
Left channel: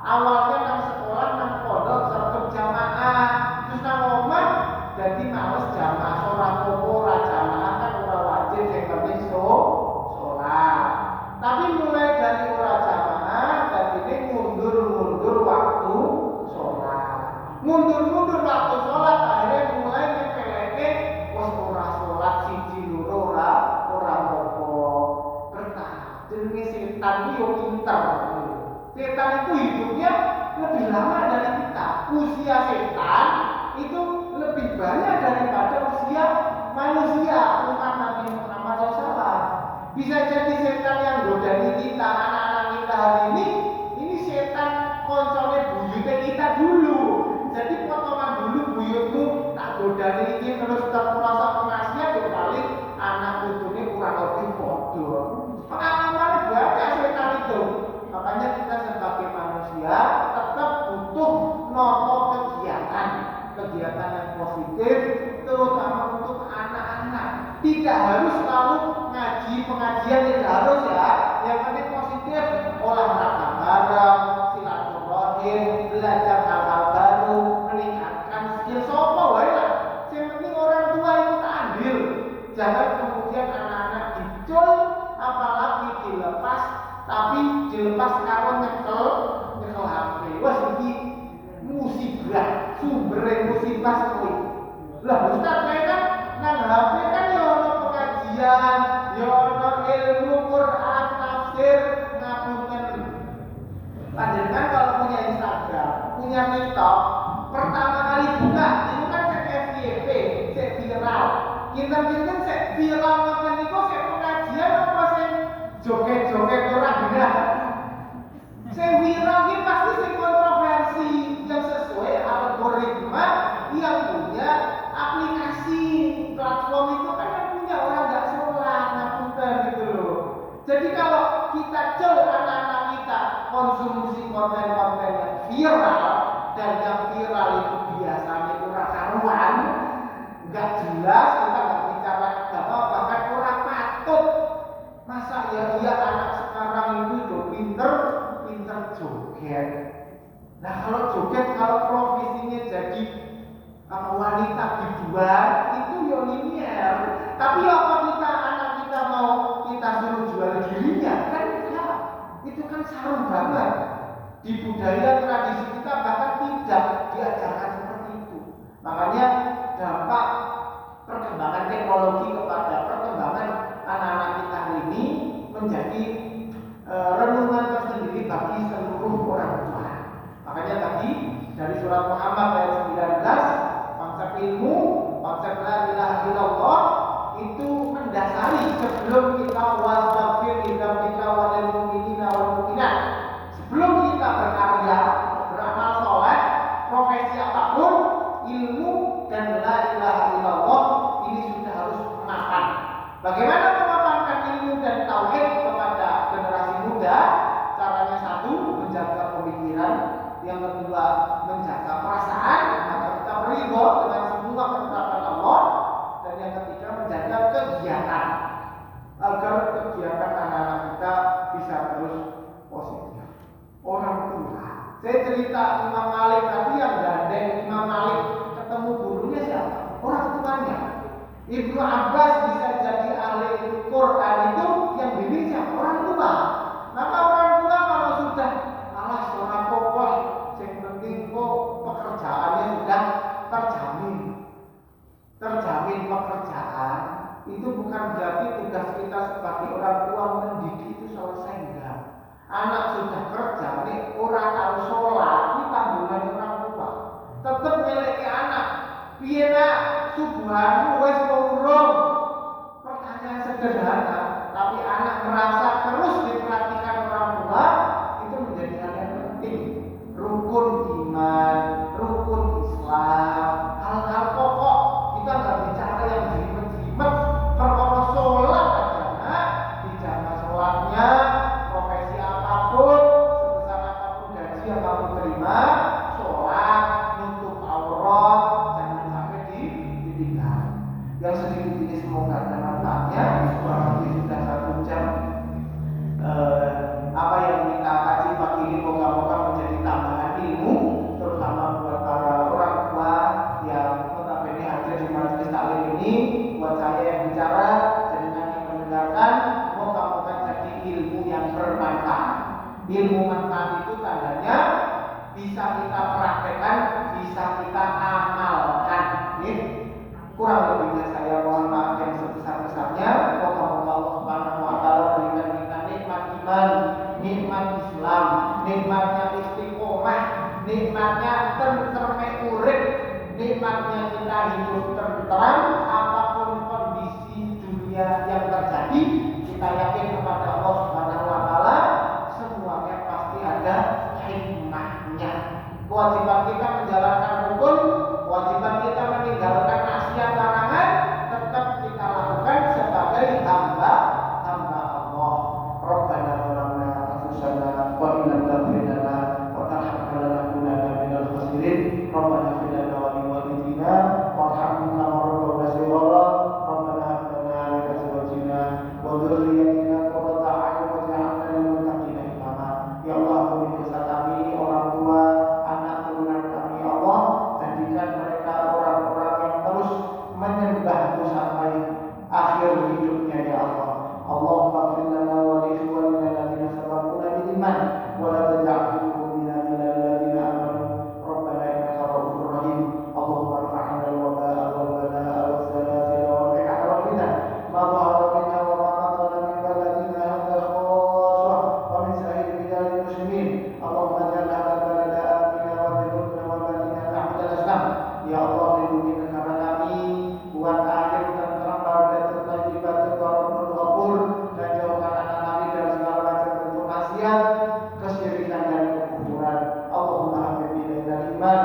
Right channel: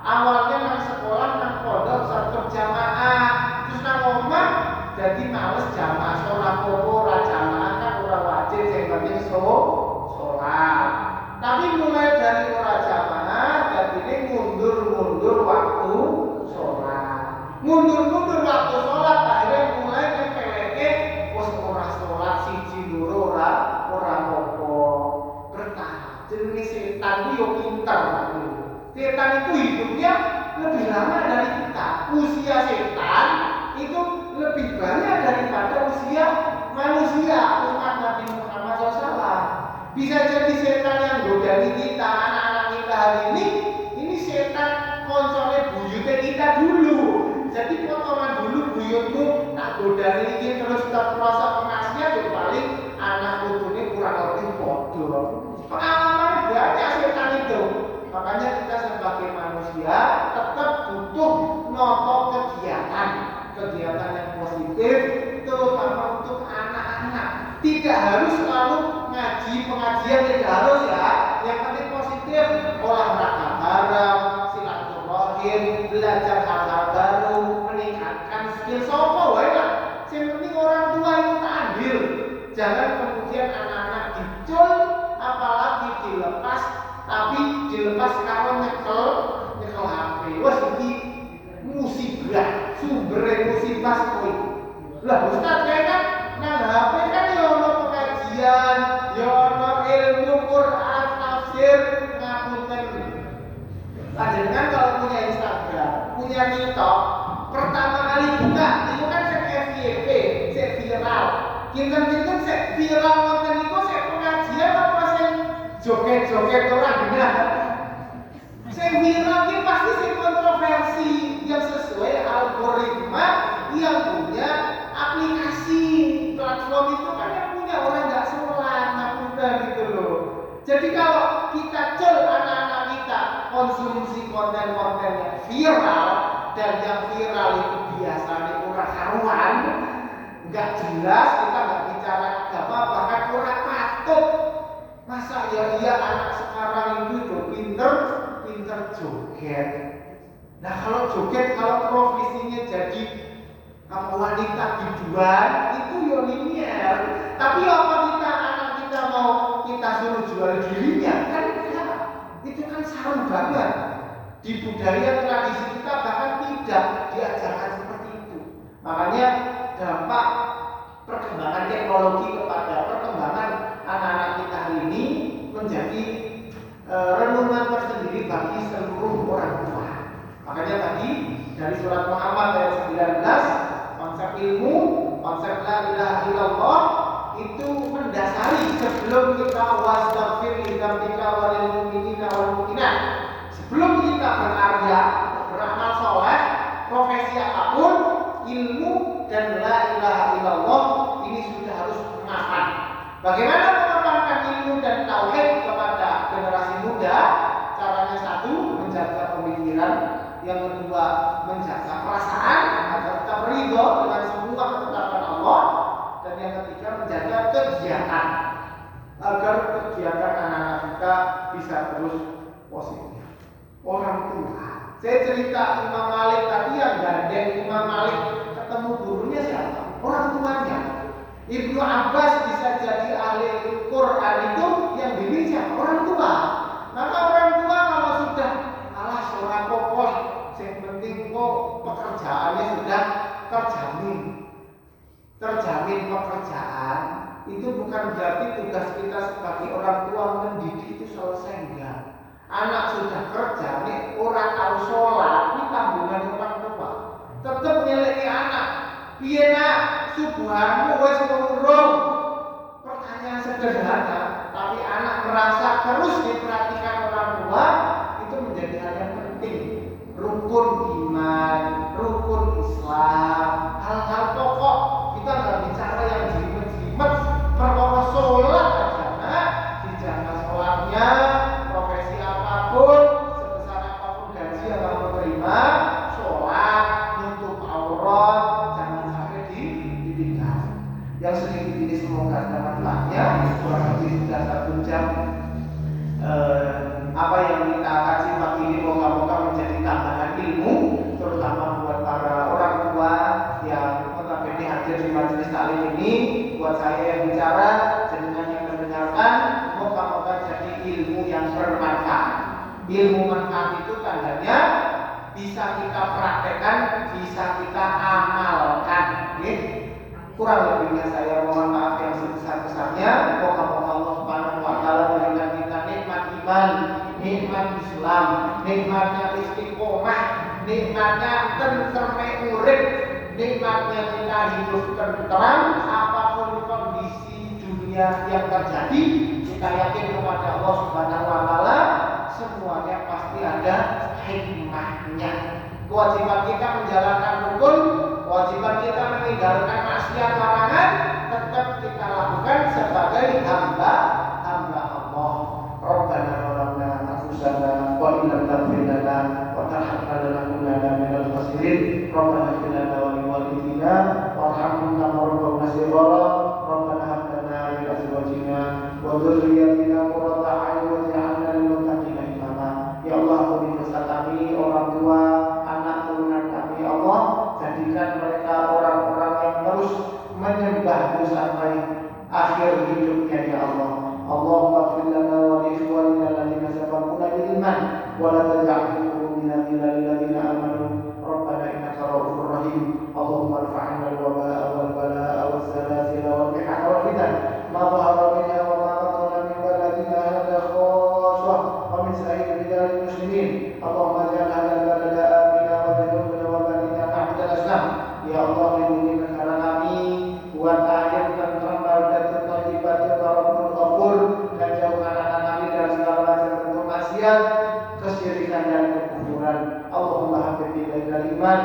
Awalnya nang sekolah nang pondok serta jamaah, terus nang omah jadi males jamaah, sholat popo ora jamaah kan ora wajib sing penting sholat. Tapi mulai dari ora jamaah jadi mundur waktu sholat. Mundur waktu sholat akhirnya mulai nyepeleke wis ora sholat siji loro ora popo. Bertahap. Jenenge setan ku yo pinter. Setan itu hidupnya lebih lama dari kita. Usia setan itu lebih banyak daripada usia manusia umat Nabi Muhammad SAW. Bisa jadi setan yang godani kita, anak-anak kita hari ini setan koncone buyute kita dulu. Jadi potongan dulu buyutmu tak godani ini terus terprosok kemaksnya ya paling anak putune kurang lebih bodoh. Pengalaman banyak setan itu. Makanya kita sebagai manusia tetap butuh noto kegiatan yang positif, terutama untuk anak-anak. Tidak harus selalu ngaji pengajian, tidak harus ya. Yang penting positif, olahraga bareng, silaturahim, belajar hal-hal baru, meningkatkan skill sopo wae lah. Yang penting orang tua itu andil. Jangan kemudian anak-anak dicul, apalagi dilepas. Tapi dilepas karo nyekel HP. Wes iki musibah, sumber musibah kuwi. Lah Ustaz kan nang HP kan ya ono pengajian, ya ono ilmu Quran, tafsir, ngapunten. Panjenengan kalau punya Instagram, punya TikTok, pertama kali buka itu kan sek FYP, sek viral. Kinten-kinten sek viral ngoten niku sek pengajian apa sing joget-joget orang benar. Saya viral ini pasti sih kontroversi yang sesuai algoritma yang punya aplikasi platform itu kan yang punya orang nggak sholat, ngapunten gitu loh. Jadi kalau kita cel anak-anak kita konsumsi konten-konten yang viral dan yang viral itu biasanya kurang karuan, nggak jelas, kita nggak bicara agama, bahkan kurang patut. Masa ya iya anak sekarang itu udah pinter joget. Nah kalau joget, kalau profesinya jadi wanita biduan, itu ya linier. Tapi apa kita anak kita mau kita suruh jual dirinya? Kan enggak. Itu kan sarung banget. Di budaya tradisi kita bahkan tidak diajarkan seperti itu. Makanya dampak perkembangan teknologi kepada perkembangan anak-anak kita hari ini menjadi renungan tersendiri bagi seluruh orang tua. Makanya tadi dari surat Muhammad ayat 19, konsep ilmu, konsep la ilaha illallah itu mendasari sebelum kita wastaghfir lidzambika walil mu'minina wal mu'minat. Sebelum kita berkarya, beramal soleh, profesi apapun, ilmu dan la ilaha illallah ini sudah harus mapan. Bagaimana memapankan ilmu dan tauhid kepada generasi muda? Caranya satu, menjaga pemikiran. Yang kedua, menjaga perasaan agar tetap ridho dengan semua ketetapan Allah. Dan yang ketiga, menjaga kegiatan agar kegiatan anak-anak kita bisa terus positif. Orang tua, saya cerita Imam Malik tadi yang gandeng Imam Malik ketemu gurunya siapa? Orang tuanya. Ibnu Abbas bisa jadi ahli Quran itu yang bimbing siapa? Orang tua. Maka orang tua kalau sudah seorang kokoh, yang penting kok pekerjaannya sudah terjamin pekerjaan, itu bukan berarti tugas kita sebagai orang tua mendidik itu selesai, enggak. Anak sudah kerja, nih orang tahu sholat, ini tanggungan orang tua. Tetap miliki anak. Piye nak, subuhanmu wis urung. Pertanyaan sederhana, tapi anak merasa terus diperhatikan orang tua, itu menjadi hal yang penting. Rukun iman, rukun Islam, hal-hal pokok. Kita nggak bicara yang jelimet-jelimet. Perkara sholat aja, nak, dijaga sholatnya, profesi apapun, sebesar apapun gaji yang kamu terima, sholat, nutup aurat, jangan sampai ditinggal. Yang sedikit ini semoga ada manfaatnya. Kurang lebih sudah 1 jam. Apa yang kita kaji pagi ini moga-moga menjadi tambahan ilmu, terutama buat para orang tua yang notabene hadir di majelis taklim ini. Buat saya yang bicara, jenengan yang mendengarkan, moga-moga jadi ilmu yang bermanfaat. Ilmu manfaat itu tandanya bisa kita praktekkan, bisa kita amalkan. Kurang lebihnya saya mohon maaf yang sebesar-besarnya. Moga-moga Allah Subhanahu wa taala berikan kita nikmat iman, nikmat Islam, nikmatnya istiqomah, nikmatnya tentreme urip, nikmatnya kita hidup tentram apapun kondisi dunia yang terjadi. Kita yakin kepada Allah Subhanahu wa taala semuanya pasti ada hikmahnya. Kewajiban kita menjalankan rukun, kewajiban kita meninggalkan maksiat larangan tetap kita lakukan sebagai hamba Allah. Rabbana zalamna anfusana wa in lam taghfir lana wa tarhamna lanakunanna minal khasirin. Rabbana ighfir lana wa li walidina warhamna rabbana shighara. Rabbana hab lana min azwajina wa dhurriyyatina qurrata a'yun waj'alna lil muttaqina imama. Ya Allah, pemirsa kami, orang tua, anak turunan kami, Allah, jadikan mereka orang-orang yang terus menyembahmu sampai akhir hidupnya, ya Allah. Allahumma ighfir lana wa li ikhwanina alladziina sabaquna bil iman wa la taj'al fi qulubina ghillan lil ladziina amanu rabbana innaka ra'ufur rahim. Allahumma irfa'na al-wabaa'a wal balaa'a was zalazila wal qihata wal fitan ma dhahara minha wa ma batana min baladina hadha khassah wa min sa'iri biladil muslimin. Allahumma ij'al hadha balada amina wa junubna wa badina tahta al-islam. Ya Allah, lindungi negara kami, buat air tentram, baldatun thayyibatun wa rabbun ghafur, dan jauhkan anak kami dari segala macam bentuk maksiat, kesyirikan dan kekufuran. Allahumma habib ilaikal iman